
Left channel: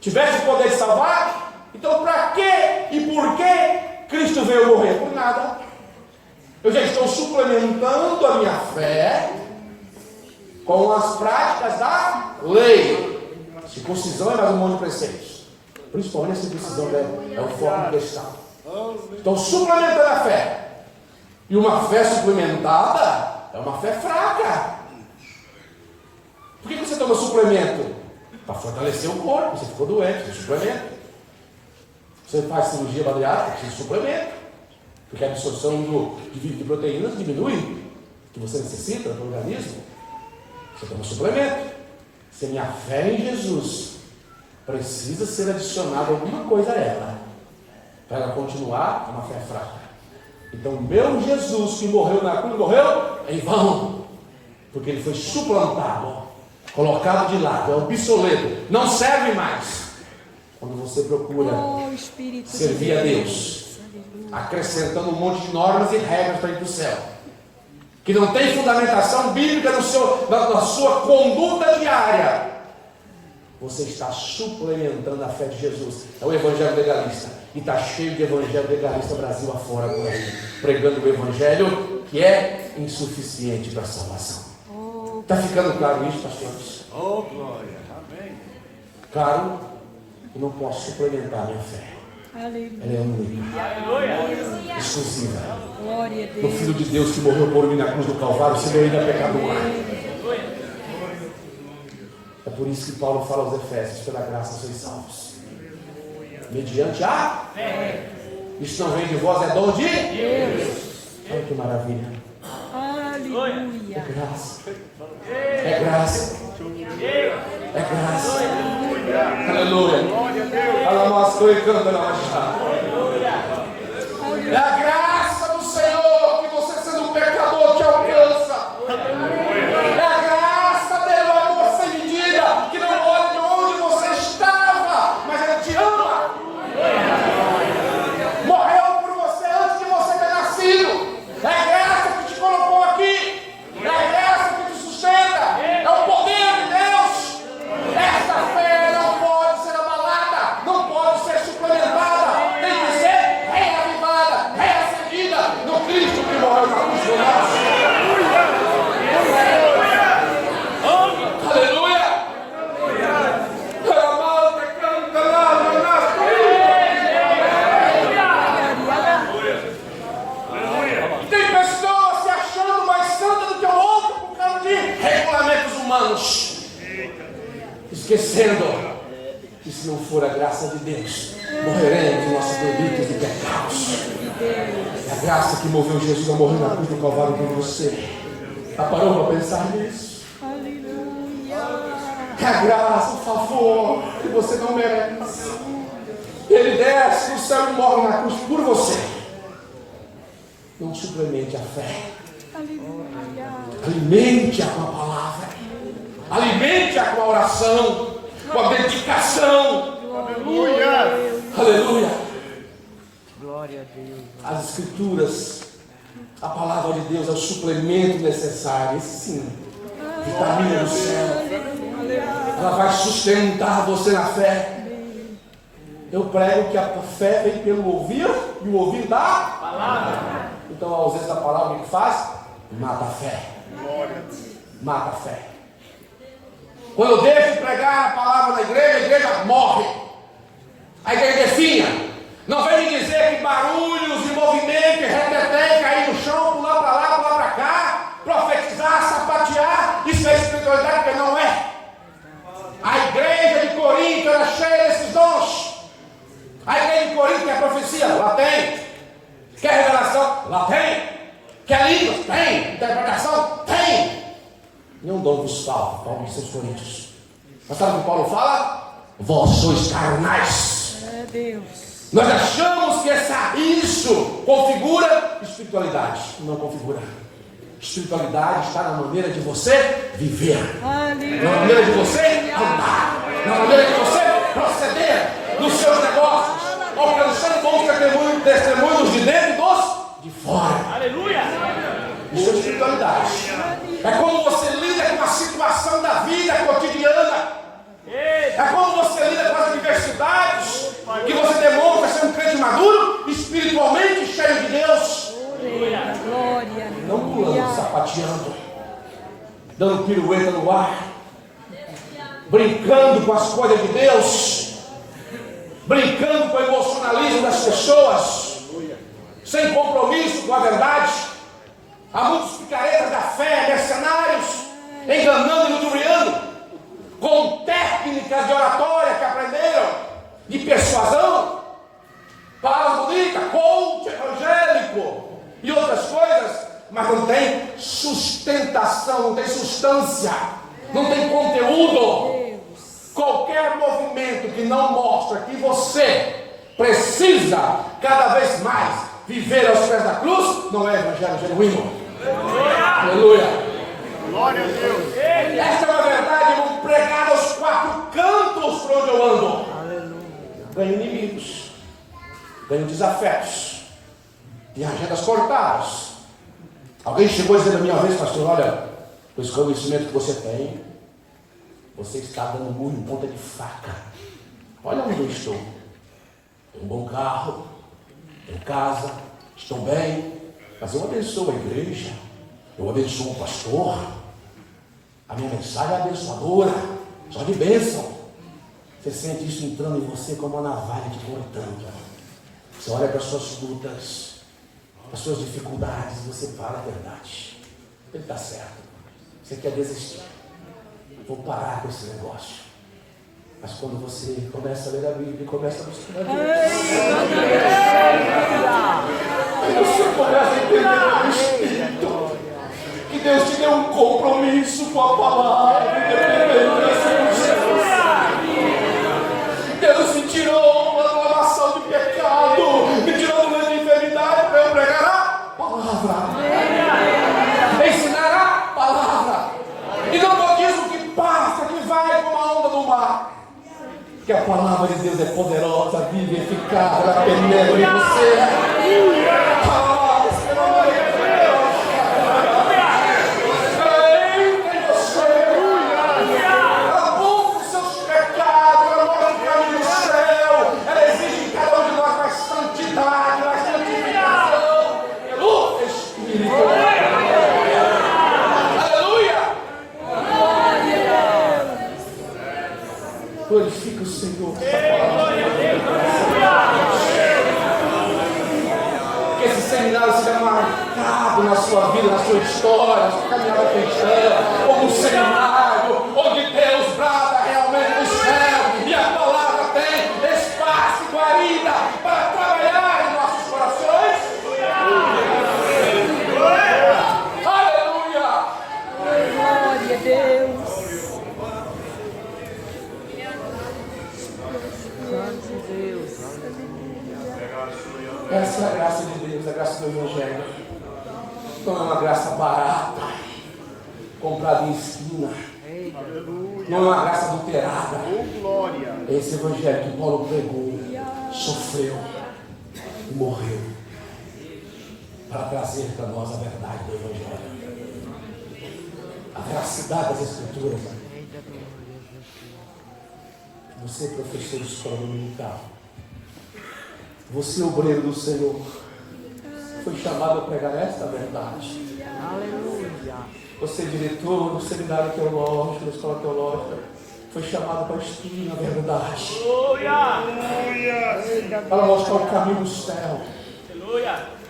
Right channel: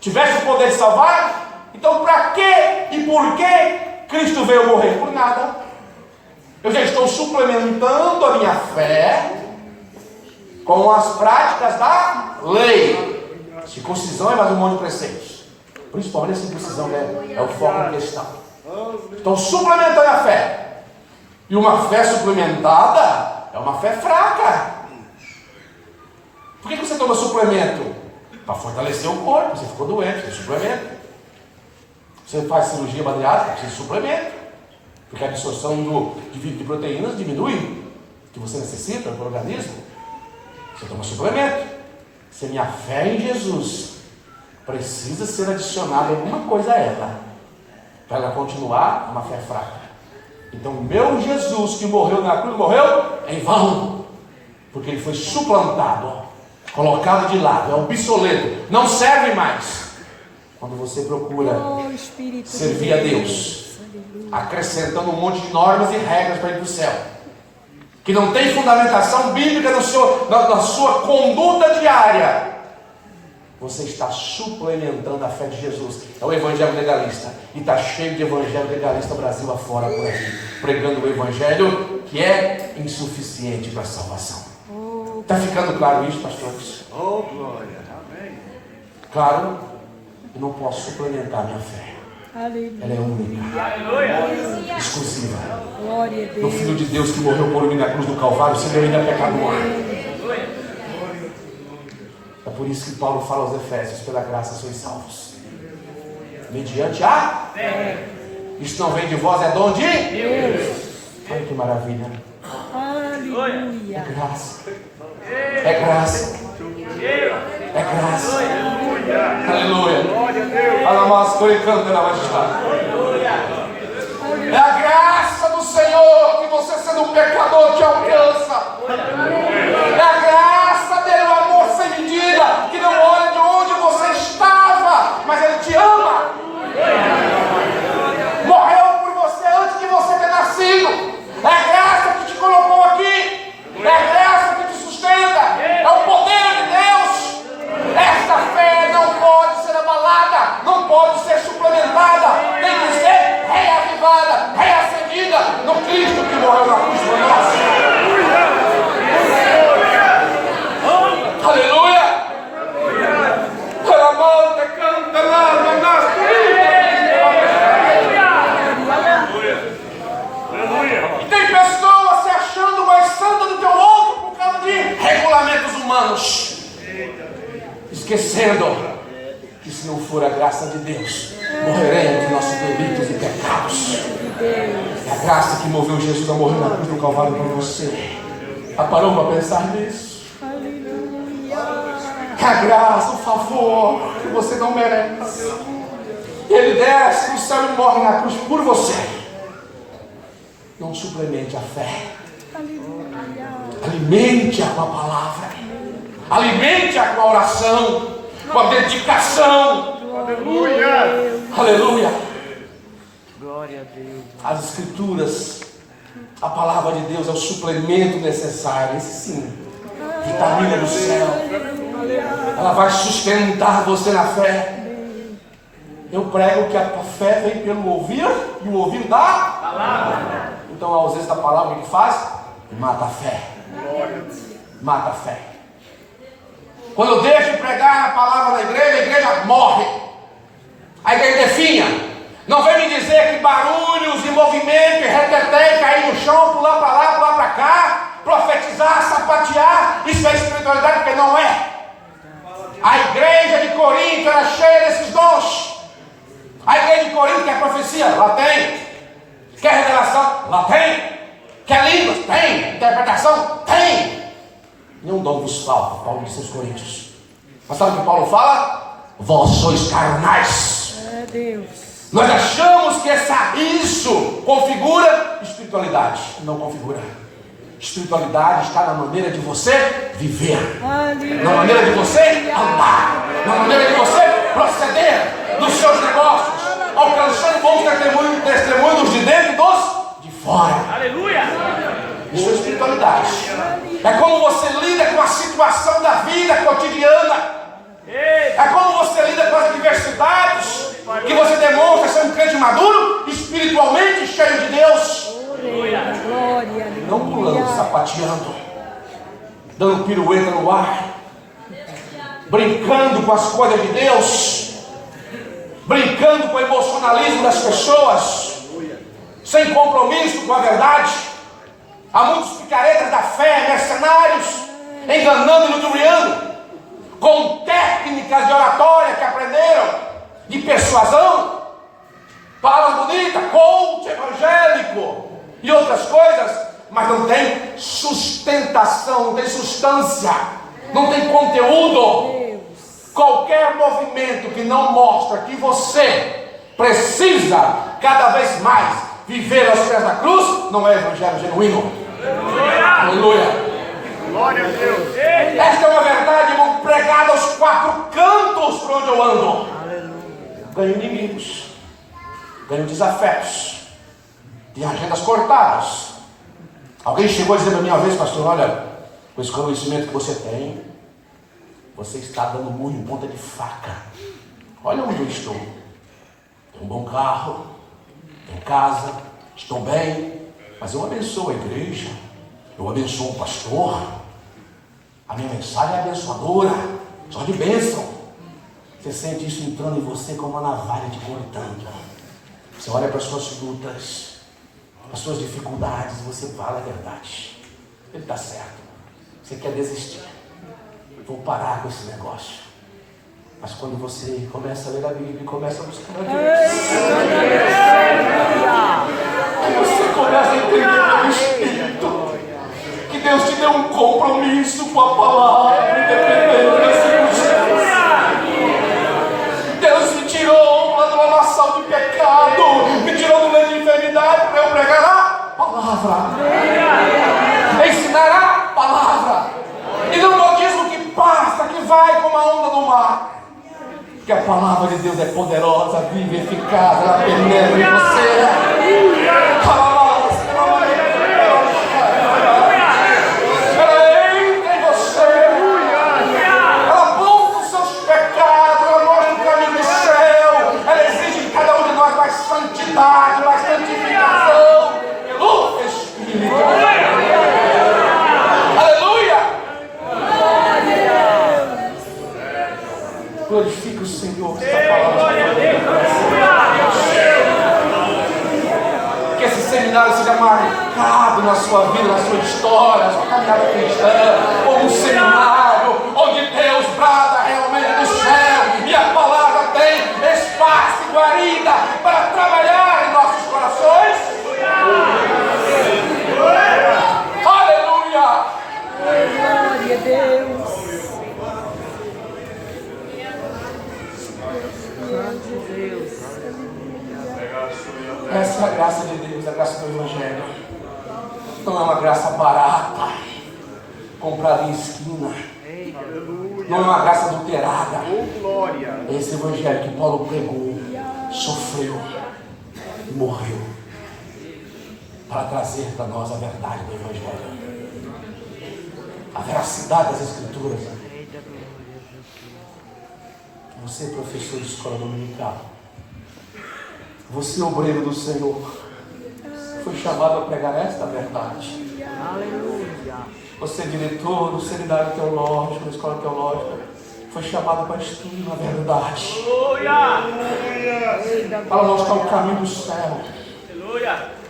tivesse o poder de salvar, então para que e por que Cristo veio morrer? Por nada. Eu já estou suplementando a minha fé com as práticas da lei. Circuncisão é mais um monte de preceitos. Principalmente a circuncisão é o foco da questão. Estou suplementando a fé. E uma fé suplementada é uma fé fraca. Por que você toma suplemento? Para fortalecer o corpo. Você ficou doente, você suplemento. Você faz cirurgia bariátrica, precisa de suplemento. Porque a absorção de proteínas diminui, que você necessita para o organismo. Você toma suplemento. Se a minha fé em Jesus precisa ser adicionada alguma coisa a ela, para ela continuar uma fé fraca. Então, meu Jesus que morreu na cruz, morreu em vão, porque ele foi suplantado, colocado de lado, é obsoleto, não serve mais. Quando você procura servir a Deus, acrescentando um monte de normas e regras para ir para o céu, que não tem fundamentação bíblica na sua conduta diária, você está suplementando a fé de Jesus. É o evangelho legalista. E está cheio de evangelho legalista Brasil afora por aí, pregando o evangelho que é insuficiente para a salvação. Está ficando claro isso, pastores? Oh, glória. Amém. Claro, eu não posso suplementar a minha fé. Aleluia. Ela é única, exclusiva. Glória a Do Deus. Filho de Deus que morreu por mim na cruz do Calvário, sendo eu ainda pecador. É por isso que Paulo fala aos Efésios: pela graça sois salvos, mediante a fé. Isso não vem de vós, é dom de Deus. Olha que maravilha. Aleluia. É graça. É graça. É graça. Aleluia. Alamasco e canta na baixada. É a graça do Senhor que você, sendo um pecador, te alcança. esquecendo que se não for a graça de Deus, morreremos em nossos delitos e pecados. É a graça que moveu Jesus a morrer na cruz do Calvário por você. Já parou para pensar nisso? É a graça, o favor que você não merece. Ele desce do céu e morre na cruz por você. Não suplemente a fé. Alimente-a com a palavra. Alimente-a com a oração, com a dedicação. Aleluia. Aleluia. Glória a Deus. As Escrituras, a palavra de Deus é o suplemento necessário. Esse sim, vitamina do céu. Ela vai sustentar você na fé. Eu prego que a fé vem pelo ouvir e o ouvir da palavra. Então a ausência da palavra, o que faz? Mata a fé. Mata a fé. Quando eu deixo de pregar a palavra na igreja, a igreja morre. A igreja definha. Não vem me dizer que barulhos e movimento, reteté, cair no chão, pular para lá, pular para cá, profetizar, sapatear, isso é espiritualidade, porque não é. A igreja de Corinto era cheia desses dons. A igreja de Corinto quer profecia? Lá tem. Quer revelação? Lá tem. Quer línguas? Tem. Interpretação? Tem. Nenhum dom vos falta, Paulo disse aos Coríntios. Mas sabe o que Paulo fala? Vós sois carnais. É Deus. Nós achamos que isso configura espiritualidade. Não configura. Espiritualidade está na maneira de você viver. Aleluia. Na maneira de você andar. Na maneira de você proceder nos seus negócios. Alcançando bons testemunhos de dentro e dos de fora. Aleluia. Isso é espiritualidade. É como você lida com a situação da vida cotidiana. É como você lida com as adversidades. Que você demonstra ser um crente maduro, espiritualmente cheio de Deus. Glória. Não pulando, sapateando, dando pirueta no ar, brincando com as coisas de Deus, brincando com o emocionalismo das pessoas, sem compromisso com a verdade. Há muitos picaretas da fé, mercenários, enganando e ludibriando, com técnicas de oratória que aprenderam, de persuasão, palavras bonitas, coach evangélico e outras coisas, mas não tem sustentação, não tem substância, não tem conteúdo. Qualquer movimento que não mostra que você precisa cada vez mais viver aos pés da cruz, não é evangelho genuíno. Aleluia. Glória a Deus. Esta é uma verdade, irmão, pregada aos quatro cantos por onde eu ando. Ganho inimigos, ganho desafetos, tem agendas cortadas. Alguém chegou dizendo a minha vez, pastor, olha, com esse conhecimento que você tem, você está dando murro em ponta de faca. Olha onde eu estou. Tenho um bom carro, tenho casa, estou bem, mas eu abençoo a igreja, eu abençoo o pastor. A minha mensagem é abençoadora, só de bênção. Você sente isso entrando em você como uma navalha de cortando. Você olha para as suas lutas, para as suas dificuldades, e você fala a verdade. Ele está certo. Você quer desistir. Vou parar com esse negócio. Mas quando você começa a ler a Bíblia e começa a buscar a Deus, aí você começa a entender pelo Espírito que Deus te deu um compromisso com a palavra, independente da circunstância. Deus me tirou da lamaçal do pecado, me tirou do meio de enfermidade para eu pregar a palavra, ensinar a palavra, e não modismo que passa, que vai como a onda do mar. Porque a palavra de Deus é poderosa, viva e eficaz, ela penetra em você. Ela entra em você, ela aponta os seus pecados, ela mostra o caminho do céu, ela exige em cada um de nós mais santidade, mais santificação pelo Espírito. Glorifica o Senhor, que essa palavra que esse seminário seja marcado na sua vida, na sua história, na sua caminhada cristã, como um seminário onde Deus brada realmente do Essa é a graça de Deus, a graça do Evangelho. Não é uma graça barata, comprada em esquina. Não é uma graça adulterada. É esse Evangelho que Paulo pregou, sofreu e morreu para trazer para nós a verdade do Evangelho, a veracidade das Escrituras. Você, professor de escola dominical, você, obreiro do Senhor, foi chamado a pregar esta verdade. Aleluia. Você, diretor do seminário teológico, da escola teológica, foi chamado para instruir a verdade, para mostrar o caminho do céu,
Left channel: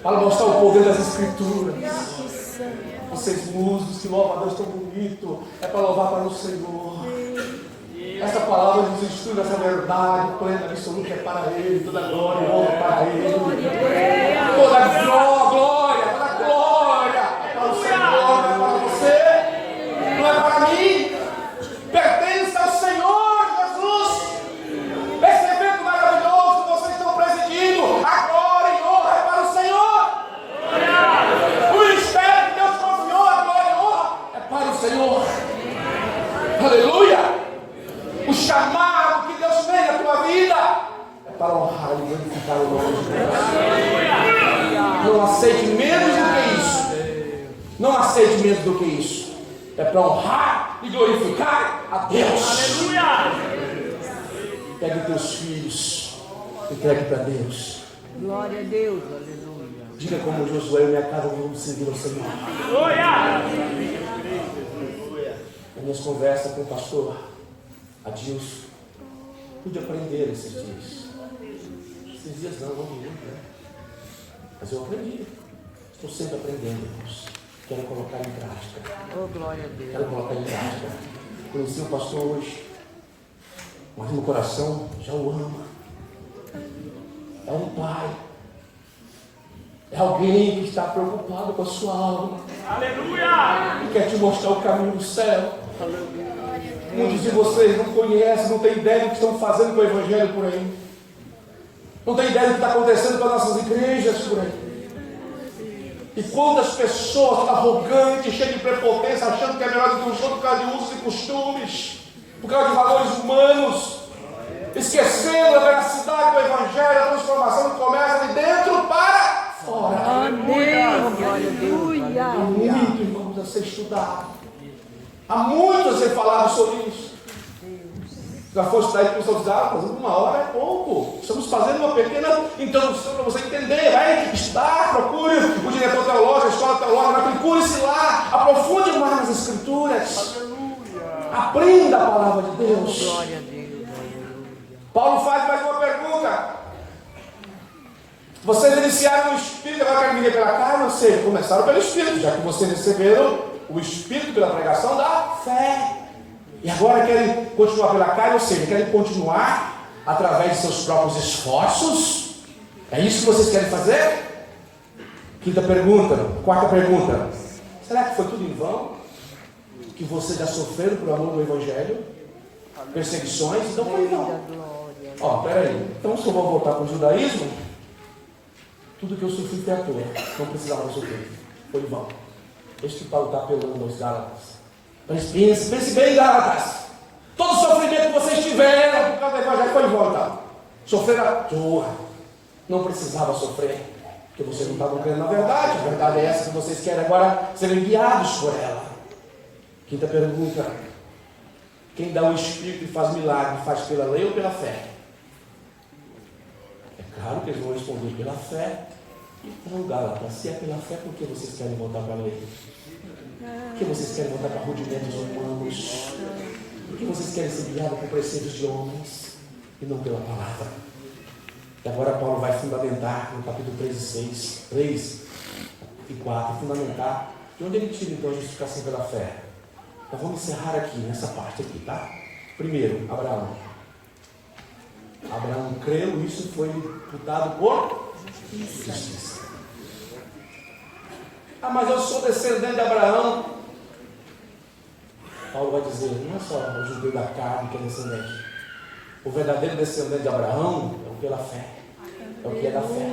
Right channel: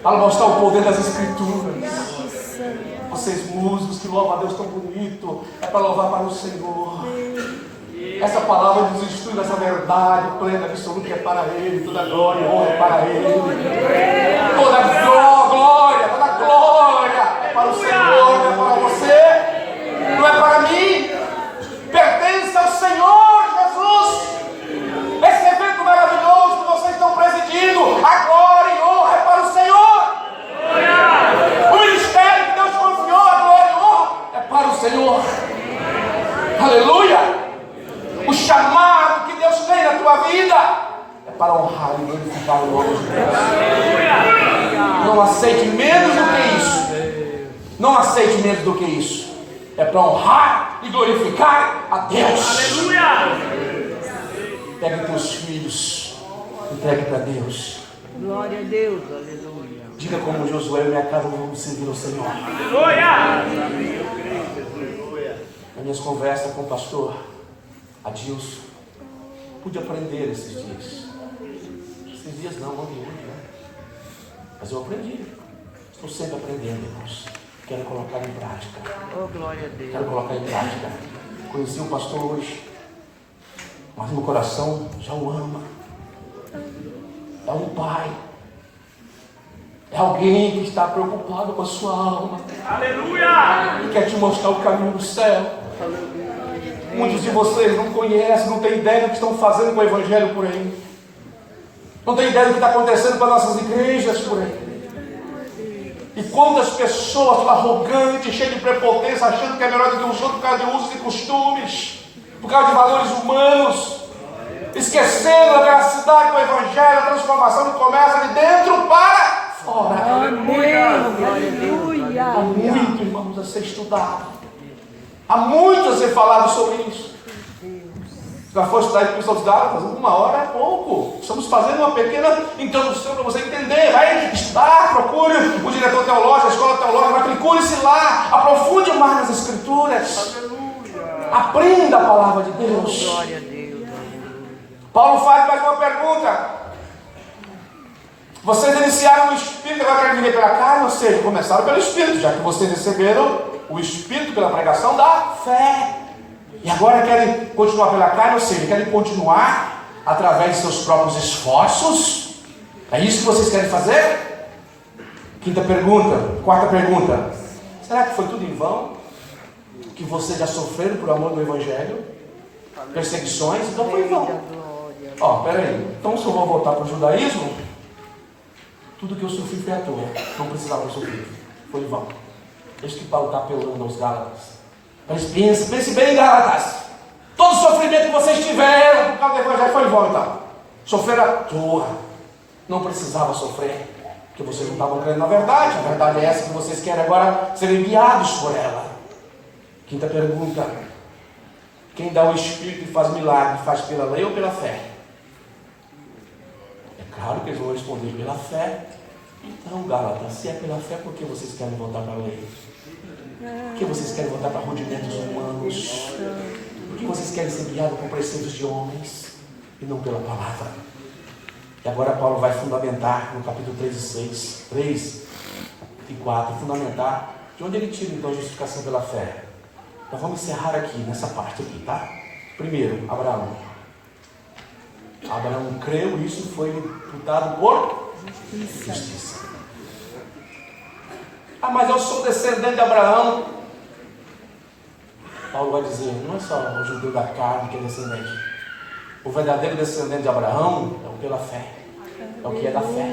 para mostrar o poder das Escrituras. Vocês músicos que louvam a Deus tão bonito, é para louvar para o Senhor. Essa palavra nos instrui nessa verdade plena, absoluta, que é para Ele. Toda glória e honra é para Ele. Toda glória é para o Senhor, não é para você, não é para mim. Pertence ao Senhor Jesus. Esse evento maravilhoso que vocês estão presidindo, a glória e honra é para o Senhor. O ministério que Deus confiou, a glória e honra é para o Senhor. Aleluia. O chamado que Deus fez na tua vida é para honrar e glorificar o nome de Deus. Não aceite menos do que isso. Não aceite menos do que isso. É para honrar e glorificar a Deus. Pegue teus filhos, entregue para Deus. Glória a Deus, aleluia. Diga como Josué: e minha casa vamos servir ao Senhor. Nas minhas conversas com o pastor Adilson, pude aprender esses dias. Esses dias não de hoje, né? Mas eu aprendi. Estou sempre aprendendo, irmãos. Quero colocar em prática. Oh, glória a Deus. Quero colocar em prática. Conheci o pastor hoje, mas meu coração já o ama. É um pai. É alguém que está preocupado com a sua alma. Aleluia! E quer te mostrar o caminho do céu. Muitos de vocês não conhecem, não têm ideia do que estão fazendo com o Evangelho por aí. Não têm ideia do que está acontecendo com as nossas igrejas por aí. E quantas pessoas arrogantes, cheias de prepotência, achando que é melhor do que os outros por causa de usos e costumes, por causa de valores humanos, esquecendo a veracidade do Evangelho, a transformação que começa de dentro para fora. Aleluia. Há muito, irmãos, a ser estudado. Há muito a ser falado sobre isso. Já foi estudar em Epístola aos Gálatas, 1 hora é pouco. Estamos fazendo uma pequena introdução para você entender. Vai estudar, procure o diretor teológico, a escola teológica, matricule-se lá, aprofunde mais nas Escrituras. Aprenda a palavra de Deus. Glória a Deus. Paulo faz mais uma pergunta. Vocês iniciaram no Espírito, agora querem viver pela carne, ou seja, começaram pelo Espírito, já que vocês receberam o Espírito pela pregação da fé. E agora querem continuar pela carne, ou seja, querem continuar através de seus próprios esforços. É isso que vocês querem fazer? Quarta pergunta. Será que foi tudo em vão? Que vocês já sofreram por amor do Evangelho? Perseguições? Então foi em vão. Peraí. Então se eu vou voltar para o judaísmo, tudo que eu sofri foi à toa. Não precisava sofrer. Foi em vão. Este que Paulo está apelando aos Gálatas. Mas pense bem, Gálatas. Todo o sofrimento que vocês tiveram por causa do Evangelho foi em vão, então. Sofreram à toa. Não precisava sofrer, porque vocês não estavam crendo na verdade. A verdade é essa que vocês querem agora serem guiados por ela. Quinta pergunta. Quem dá o Espírito e faz milagre, faz pela lei ou pela fé? É claro que eles vão responder pela fé. Então, Gálatas, se é pela fé, por que vocês querem voltar para a lei? Por que vocês querem voltar para rudimentos humanos? Por que vocês querem ser guiados por preceitos de homens e não pela palavra? E agora Paulo vai fundamentar no capítulo 3 e 4, fundamentar de onde ele tira então a justificação pela fé. Então vamos encerrar aqui, nessa parte aqui, tá? Primeiro, Abraão. Abraão creu e isso foi imputado por justiça. Mas eu sou descendente de Abraão. Paulo vai dizer, não é só o judeu da carne que é descendente. O verdadeiro descendente de Abraão é o pela fé. É o que é da fé.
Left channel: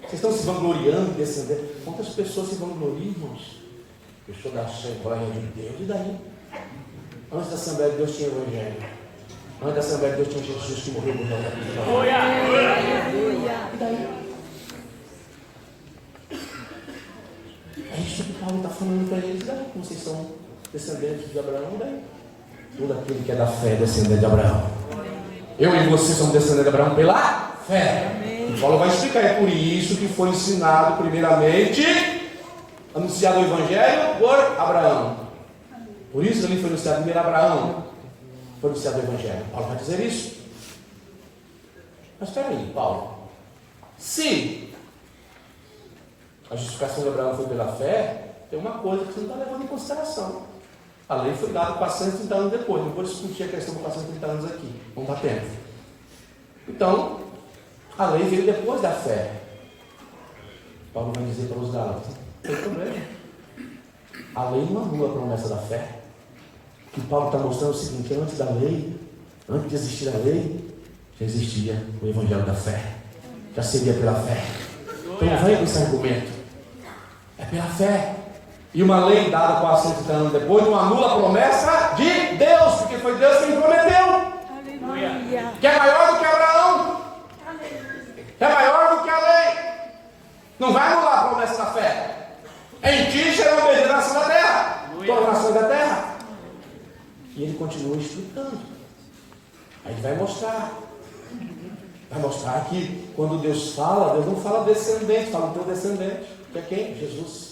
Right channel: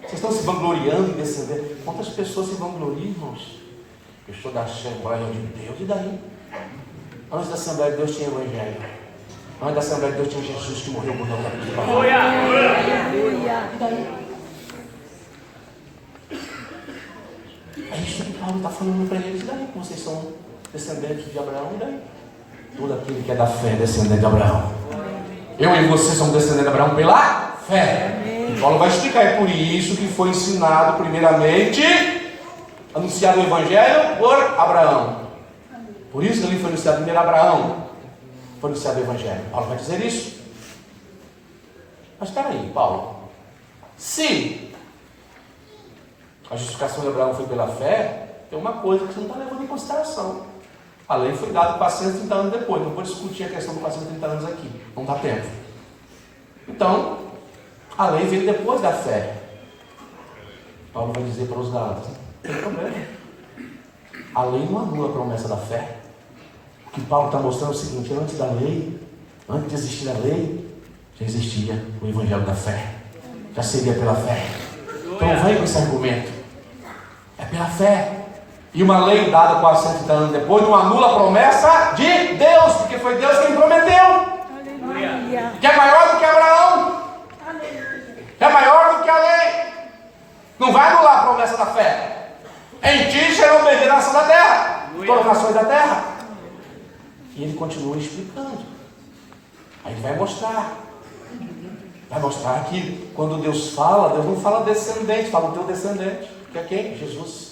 Vocês estão se vangloriando em descender. Quantas pessoas se vangloriam, irmãos? Eu sou da Assembleia de Deus. E daí? Antes da Assembleia de Deus tinha Evangelho. Antes da Assembleia de Deus tinha Jesus que morreu por nós na cruz do Calvário. E daí? É isso que Paulo está falando para eles. E daí? Vocês são descendentes de Abraão. E daí? Todo aquele que é da fé é descendente de Abraão. Eu e você somos descendentes de Abraão pela fé. E Paulo vai explicar. É por isso que foi ensinado primeiramente, anunciado o Evangelho por Abraão. Por isso que ali foi anunciado primeiro Abraão. Foi anunciado o Evangelho. Paulo vai dizer isso. Mas espera aí, Paulo. Se a justificação de Abraão foi pela fé, tem uma coisa que você não está levando em consideração. A lei foi dada 430 anos depois. Não vou discutir a questão dos 430 anos aqui. Não dá tempo. Então, a lei veio depois da fé. Paulo vai dizer para os Gálatas: não tem problema. A lei não anula a promessa da fé. O que Paulo está mostrando é o seguinte: antes da lei, antes de existir a lei, já existia o Evangelho da fé. Já seria pela fé. Então não venha com esse argumento. É pela fé. E uma lei dada 430 anos depois não anula a promessa de Deus, porque foi Deus quem prometeu. Que é maior do que Abraão. Que é maior do que a lei. Não vai anular a promessa da fé. Em ti serão benditas da terra, todas as nações da terra. E ele continua explicando. Aí ele vai mostrar. Vai mostrar que quando Deus fala, Deus não fala descendente, fala o teu descendente. Que é quem? Jesus.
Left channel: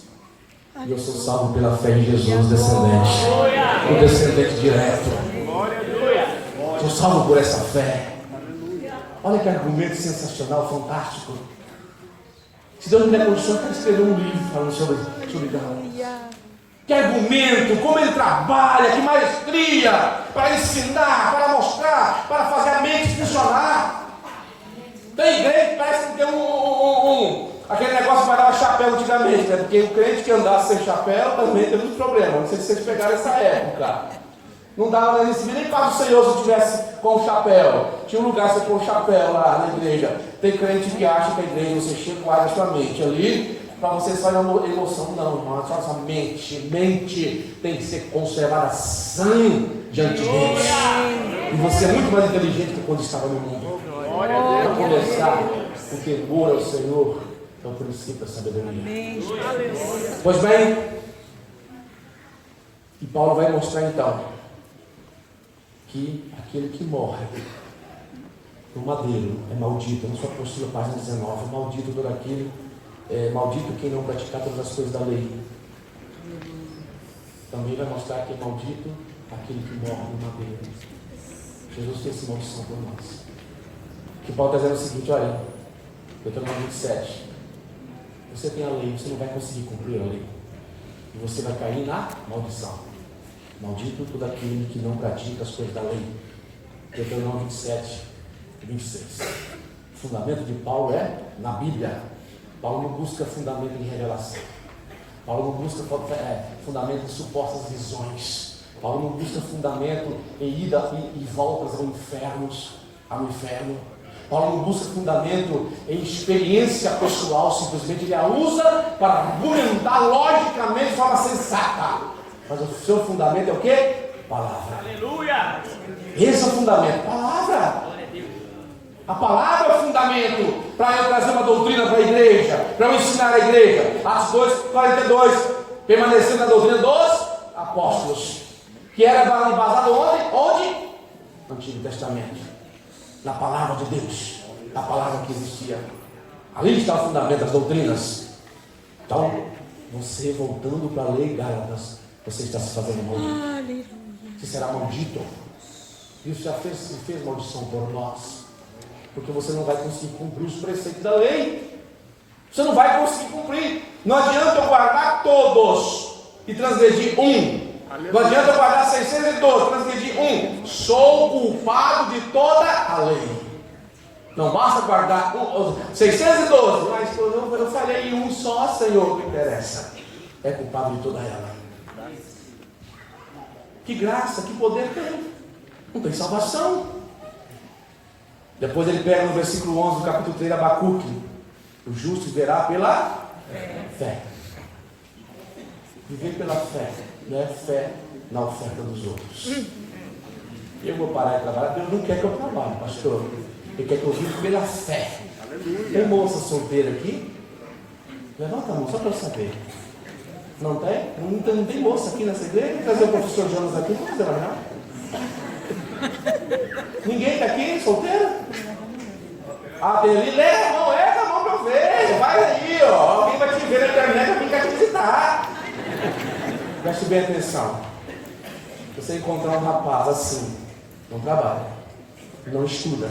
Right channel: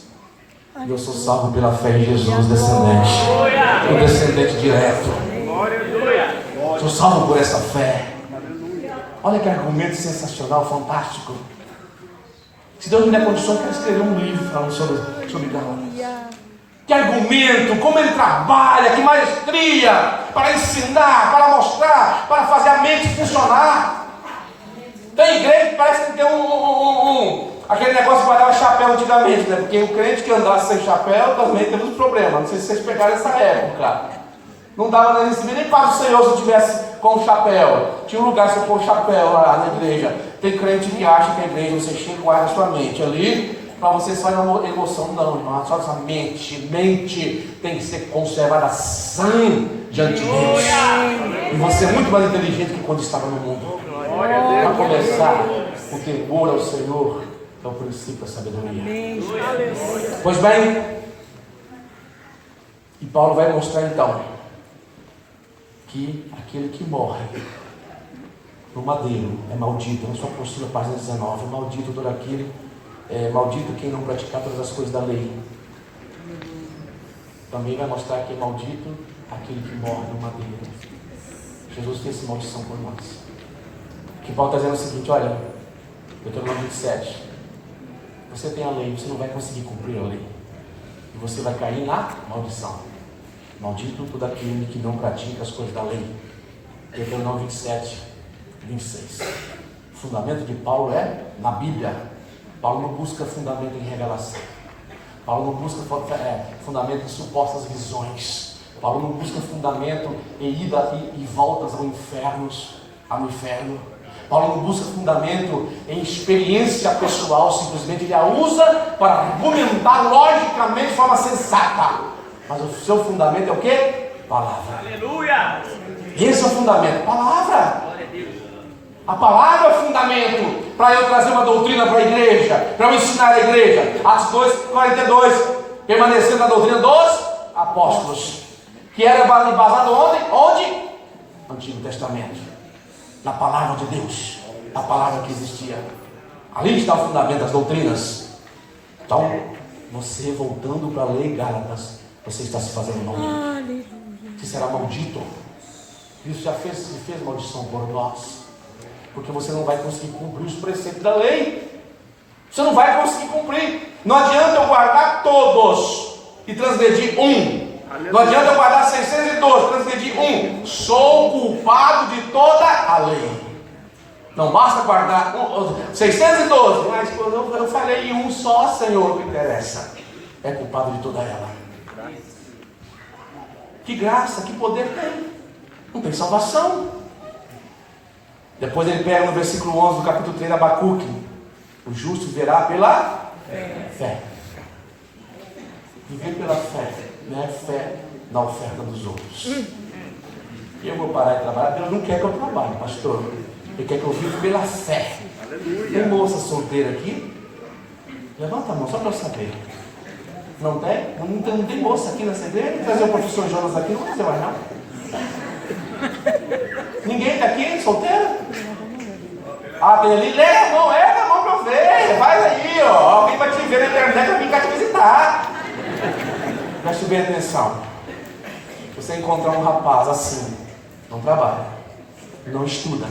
E eu sou salvo pela fé em Jesus, descendente. O descendente direto. Sou salvo por essa fé. Olha que argumento sensacional, fantástico. Se Deus me der condições, eu quero escrever um livro falando sobre Gálatas. Que argumento, como ele trabalha, que maestria, para ensinar, para mostrar, para fazer a mente funcionar. Tem igreja que parece que tem aquele negócio que guardava chapéu antigamente, né? Porque o crente que andasse sem chapéu também teve um problema. Não sei se vocês pegaram essa época. Não dava nem receber nem para o Senhor se eu tivesse com o chapéu. Tinha um lugar para você pôr o chapéu lá na igreja. Tem crente que acha que a igreja você chega e guarda a sua mente ali. Para você só uma emoção, não, irmão, só essa mente tem que ser conservada sã diante de Deus. E você é muito mais inteligente que quando estava no mundo. Para começar, o temor ao Senhor é o princípio da sabedoria. Pois bem, e Paulo vai mostrar então que aquele que morre no madeiro é maldito. Na sua apostila, página 19, maldito todo aquele. Maldito quem não praticar todas as coisas da lei. Também vai mostrar que é maldito aquele que morre no madeiro. Jesus fez essa maldição por nós. O que Paulo está dizendo é o seguinte: olha, Deuteronômio 27, você tem a lei, você não vai conseguir cumprir a lei, e você vai cair na maldição. Maldito todo aquele que não pratica as coisas da lei. Deuteronômio 27, 26. O fundamento de Paulo é na Bíblia. Paulo não busca fundamento em revelação. Paulo não busca fundamento em supostas visões. Paulo não busca fundamento em ida e voltas ao inferno. Paulo não busca fundamento em experiência pessoal. Simplesmente ele a usa para argumentar logicamente de forma sensata. Mas o seu fundamento é o quê? Palavra. Aleluia! Esse é o fundamento. Palavra. A palavra é o fundamento para eu trazer uma doutrina para a igreja, para eu ensinar a igreja. Atos 2:42, permanecendo na doutrina dos apóstolos, que era embasado onde? No Antigo Testamento, na palavra de Deus, a palavra que existia. Ali está o fundamento das doutrinas. Então, você voltando para a lei, Gálatas, você está se fazendo maldito. Você será maldito. Isso já fez maldição por nós. Porque você não vai conseguir cumprir os preceitos da lei. Você não vai conseguir cumprir. Não adianta eu guardar todos e transgredir um. Não adianta eu guardar 612, transgredir um. Sou culpado de toda a lei. Não basta guardar 612. Mas eu falei em um só, Senhor, que interessa. É culpado de toda ela. Que graça, que poder tem. Não tem salvação. Depois ele pega no versículo 11 do capítulo 3 de Abacuque: o justo viverá pela fé. Viver pela fé, não é fé na oferta dos outros. Eu vou parar de trabalhar. Deus não quer que eu trabalhe, pastor. Ele quer que eu viva pela fé. Tem moça solteira aqui? Levanta a mão, só para eu saber. Não tem? Não tem moça aqui nessa igreja? Vou trazer o professor Jonas aqui, não vou fazer mais não. Ninguém está aqui, solteiro? Ah, tem ali, leva a mão para eu ver. Vai aí, ó. Alguém vai te ver na internet, vai vir cá te visitar. Preste bem atenção. Você encontrar um rapaz assim, não trabalha, não estuda,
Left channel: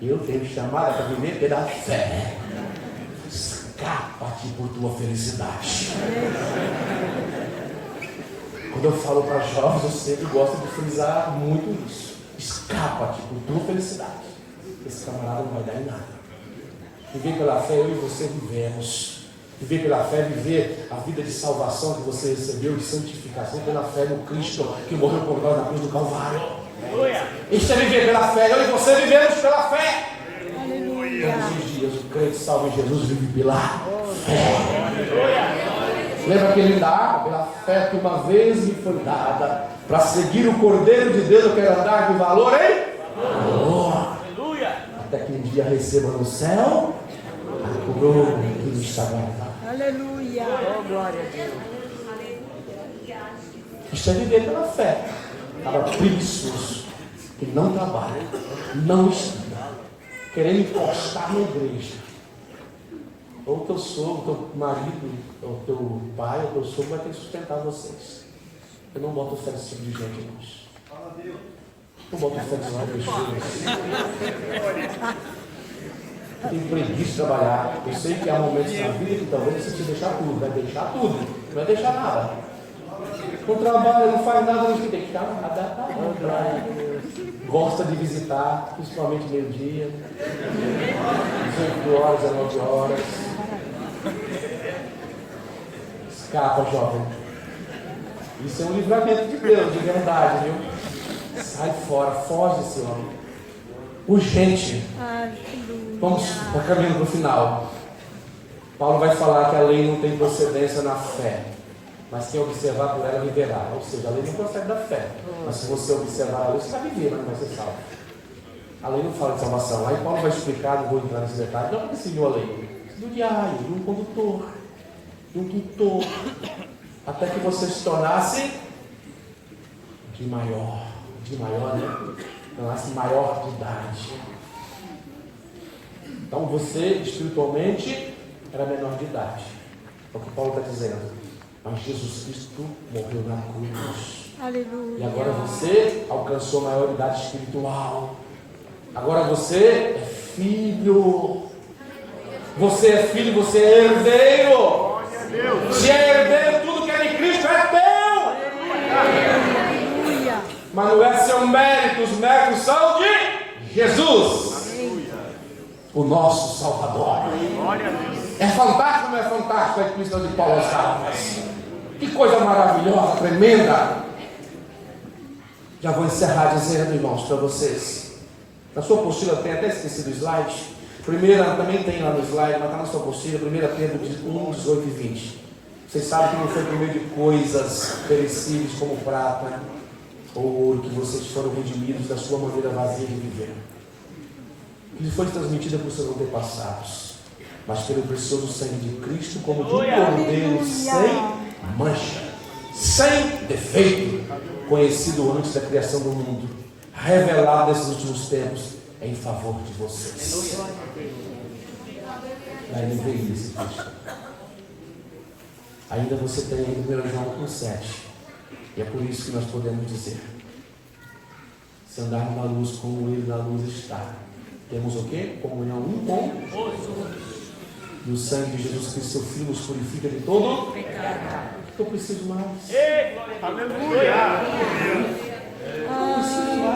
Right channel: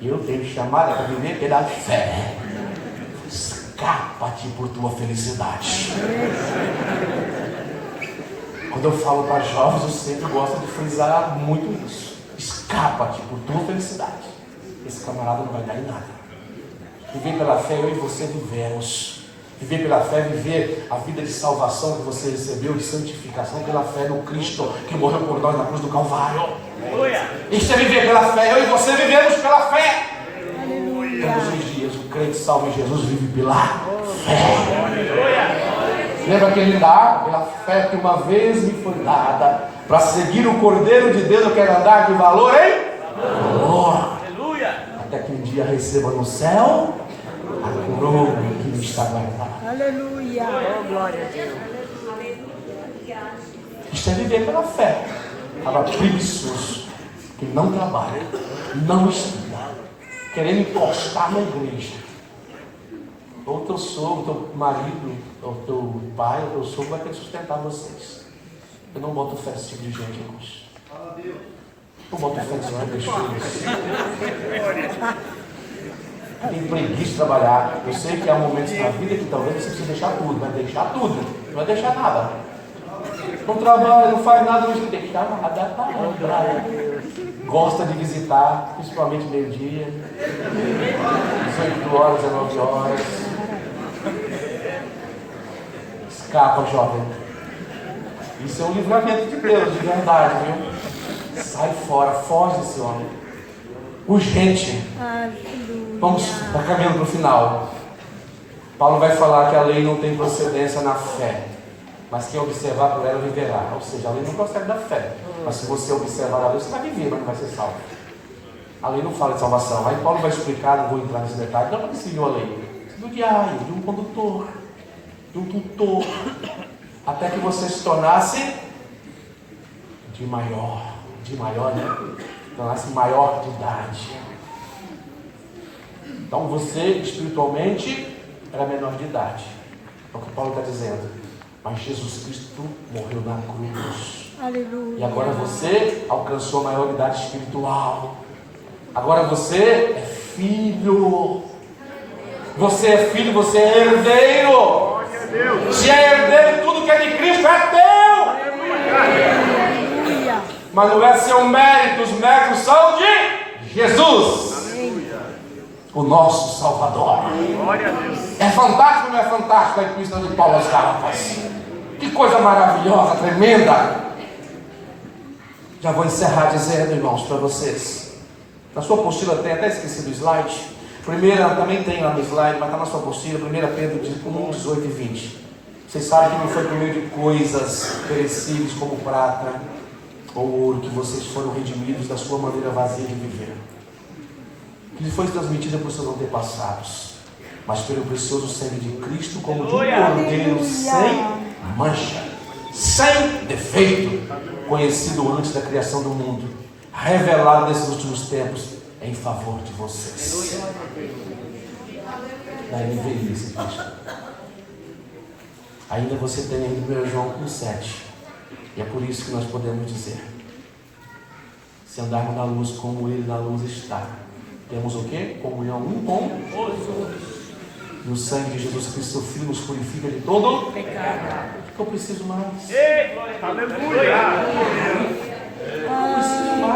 e eu tenho chamada para viver pela fé. Escapa-te por tua felicidade. Quando eu falo para jovens, eu sempre gosto de frisar muito isso. Escapa-te por tua felicidade. Esse camarada não vai dar em nada. Viver pela fé, eu e você vivemos. Viver pela fé, viver a vida de salvação que você recebeu, de santificação pela fé no Cristo que morreu por nós na cruz do Calvário. Isso é viver pela fé. Eu e você vivemos pela fé. Todos os dias o crente salvo em Jesus vive pela fé. Lembra aquele andar? Pela fé que uma vez me foi dada, para seguir o Cordeiro de Deus eu quero andar de valor em valor. Até que um dia receba no céu a coroa que me está guardada. Aleluia. Oh, glória a Deus. Isto é viver pela fé. Estava preguiçoso, que não trabalha, não estuda, querendo encostar na igreja. Ou teu sogro, teu marido, ou teu pai, ou teu sogro vai ter que sustentar vocês. Eu não boto fé nesse tipo de gente, irmãos. Não boto fé nesse tipo de gente. Tem preguiça de trabalhar. Eu sei que há momentos na vida que talvez você precise deixar tudo. Vai deixar tudo, não vai deixar nada. Não trabalha, não faz nada, não tem que deixar nada. Gosta de visitar, principalmente meio-dia, 18 horas, 19 horas. Escapa, jovem. Isso é um livramento de Deus, de verdade, viu? Sai fora, foge desse homem. Urgente. Vamos caminhando para o final. Paulo vai falar que a lei não tem procedência na fé, mas quem observar por ela viverá. Ou seja, a lei não procede da fé, mas se você observar a lei, você vai viver, mas não vai ser salvo. A lei não fala de salvação. Aí Paulo vai explicar, não vou entrar nesse detalhe, não é que seguiu a lei, do diário, de um condutor, de um tutor, até que você se tornasse de maior, né? Tornasse maior de idade. Então você espiritualmente era menor de idade. É o que Paulo está dizendo. Mas Jesus Cristo morreu na cruz. Aleluia. E agora você alcançou a maioridade espiritual. Agora você é filho. Você é filho, você é herdeiro. Se é herdeiro, tudo que é de Cristo é teu. Mas não é seu mérito, os méritos são de Jesus, o nosso Salvador. É fantástico ou não é fantástico a epístola de Paulo aos Gálatas? Que coisa maravilhosa, tremenda. Já vou encerrar dizendo, irmãos, para vocês. Na sua apostila tem, até esqueci do slide. Primeira, também tem lá no slide, mas está na sua apostila, 1 Pedro 1, 18 e 20. Vocês sabem que não foi por meio de coisas perecíveis como prata ou ouro que vocês foram redimidos da sua maneira vazia de viver, que lhe foi transmitida por seus antepassados, mas pelo precioso sangue de Cristo, como de um cordeiro sem mancha, sem defeito, conhecido antes da criação do mundo, revelado nesses últimos tempos em favor de vocês. Na NVI, esse texto. Ainda você tem em 1 João 1,7. E é por isso que nós podemos dizer: se andarmos na luz como Ele na luz está, temos o quê? Comunhão um com os outros. E o sangue de Jesus Cristo, seu Filho, nos purifica de todo pecado. O que eu preciso mais? Aleluia!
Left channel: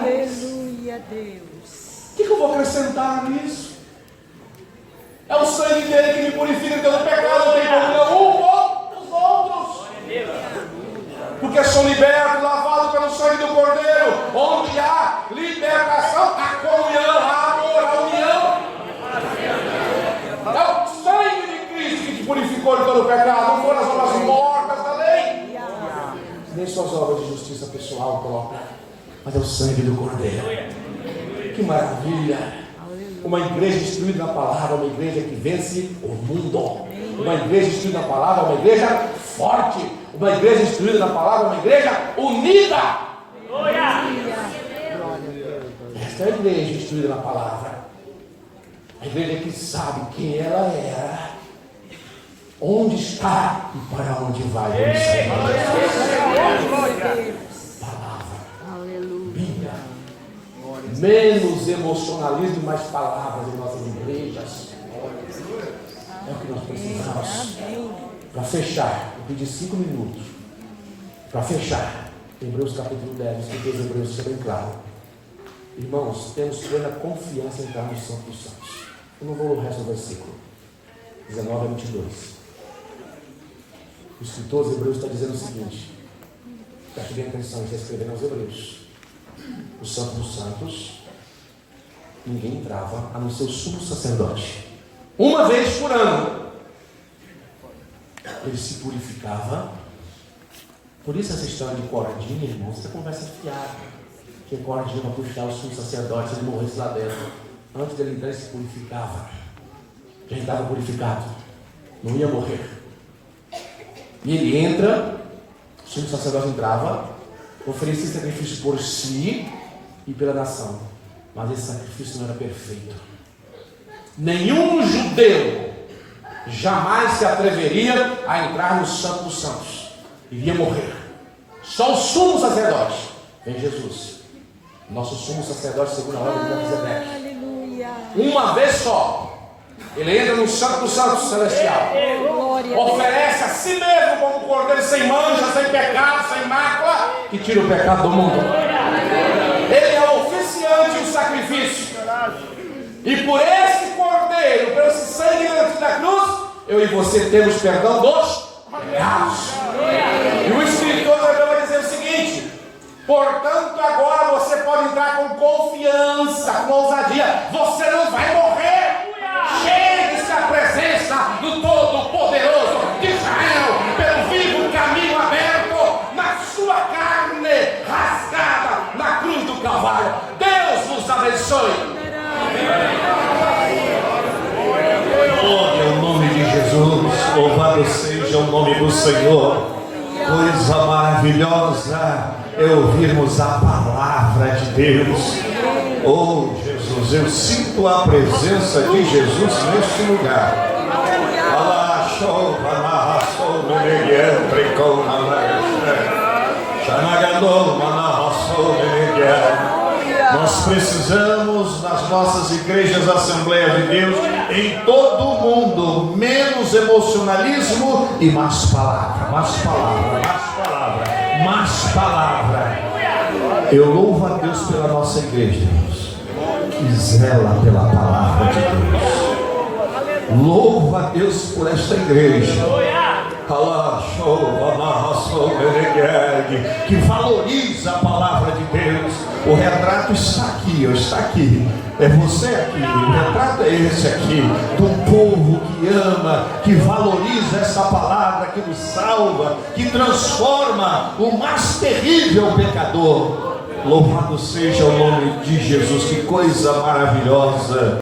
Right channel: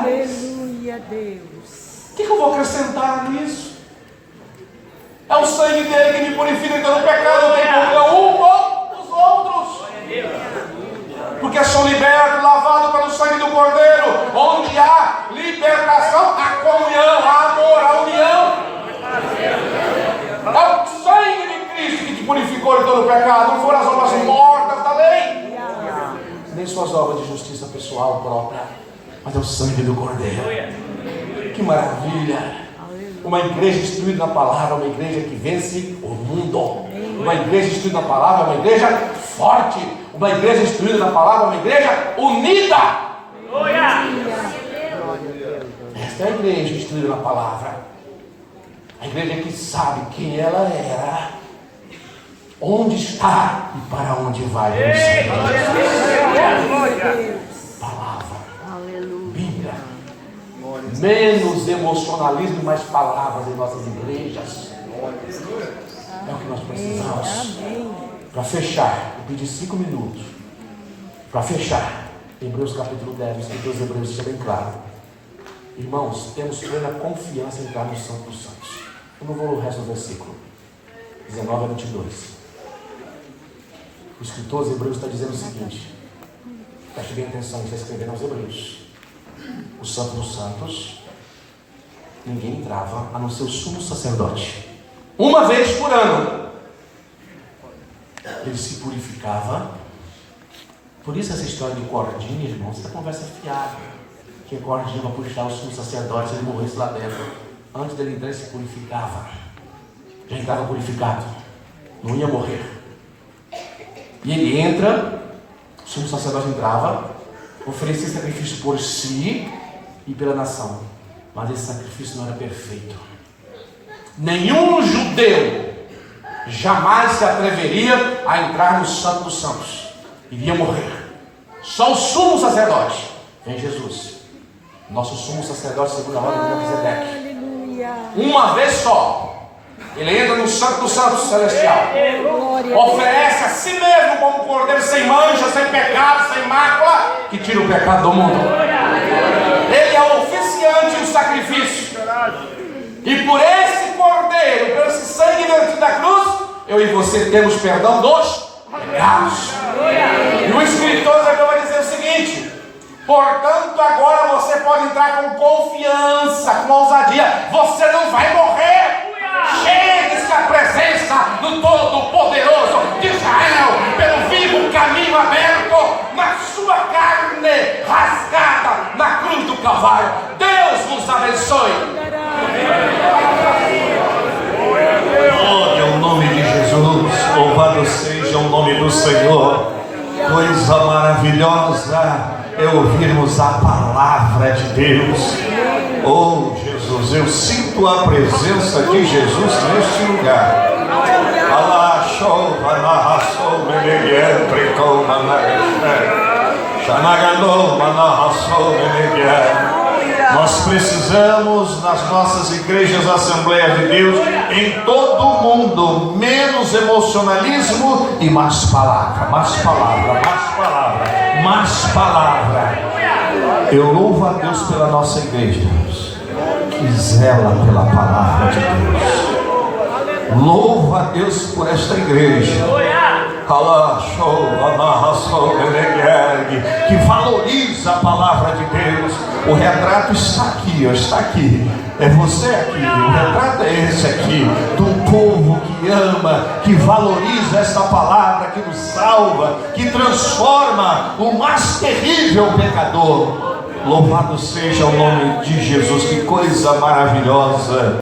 Aleluia, Deus. O que eu vou acrescentar nisso? É o sangue dele que me purifica de todo pecado. Eu tenho comunhão um com os outros. Porque sou liberto, lavado pelo sangue do Cordeiro. Onde há libertação, há comunhão, há amor, há pelo pecado, não foram as obras mortas da lei, nem suas obras de justiça pessoal própria, mas é o sangue do Cordeiro. Que maravilha! Uma igreja instruída na palavra, uma igreja que vence o mundo. Uma igreja instruída na palavra, uma igreja forte. Uma igreja instruída na palavra, uma igreja unida. Esta é a igreja instruída na palavra. A igreja que sabe quem ela era, onde está e para onde vai. Palavra, Bíblia. Menos emocionalismo e mais palavras em nossas igrejas. É o que nós precisamos. Para fechar, eu pedi 5 minutos. Para fechar, Hebreus capítulo 10, os escritores hebreus deixam bem claro. Irmãos, temos plena confiança em entrar no Santo dos Santos. Eu não vou ler o resto do versículo 19 a 22. O escritor hebreus está dizendo o seguinte: preste bem atenção, ele está escrevendo aos hebreus. O Santo dos Santos, ninguém entrava a não ser o sumo sacerdote. Uma vez por ano ele se purificava. Por isso essa história de cordinha, irmãos, é conversa fiada. Que cordinha para puxar o sumo sacerdote se ele morresse lá dentro. Antes dele entrar, ele se purificava. Já estava purificado, não ia morrer. E ele entra, o sumo sacerdote entrava, oferecia sacrifício por si e pela nação, mas esse sacrifício não era perfeito. Nenhum judeu jamais se atreveria a entrar no Santo dos Santos, iria morrer. Só o sumo sacerdote, vem Jesus, nosso sumo sacerdote segundo a ordem de Melquisedeque. Uma vez só, ele entra no Santo dos Santos celestial, oferece a si mesmo como um cordeiro sem mancha, sem pecado, sem mácula, que tira o pecado do mundo. Ele é o oficiante do sacrifício, e por esse cordeiro, por esse sangue vertido da cruz, eu e você temos perdão dos pecados. E o escritor vai dizer o seguinte: portanto, agora você pode entrar com confiança, com ousadia. Você não vai morrer. Chegue-se à presença do Todo-Poderoso de Israel, pelo vivo caminho aberto, na sua carne rasgada na cruz do Calvário. Deus nos abençoe. Glória ao nome de Jesus. Louvado seja o nome do Senhor. Coisa maravilhosa é ouvirmos a palavra de Deus. Oh Jesus, eu sinto a presença de Jesus neste lugar. Nós precisamos, nas nossas igrejas Assembleia de Deus, em todo o mundo, menos emocionalismo e mais palavra, mais palavra, mais palavra, mais palavra. Eu louvo a Deus pela nossa igreja, que zela pela palavra de Deus. Louvo a Deus por esta igreja, que valoriza a palavra de Deus. O retrato está aqui, está aqui. É você aqui, o retrato é esse aqui, de um povo que ama, que valoriza essa palavra, que nos salva, que transforma o mais terrível pecador. Louvado seja o nome de Jesus, que coisa maravilhosa.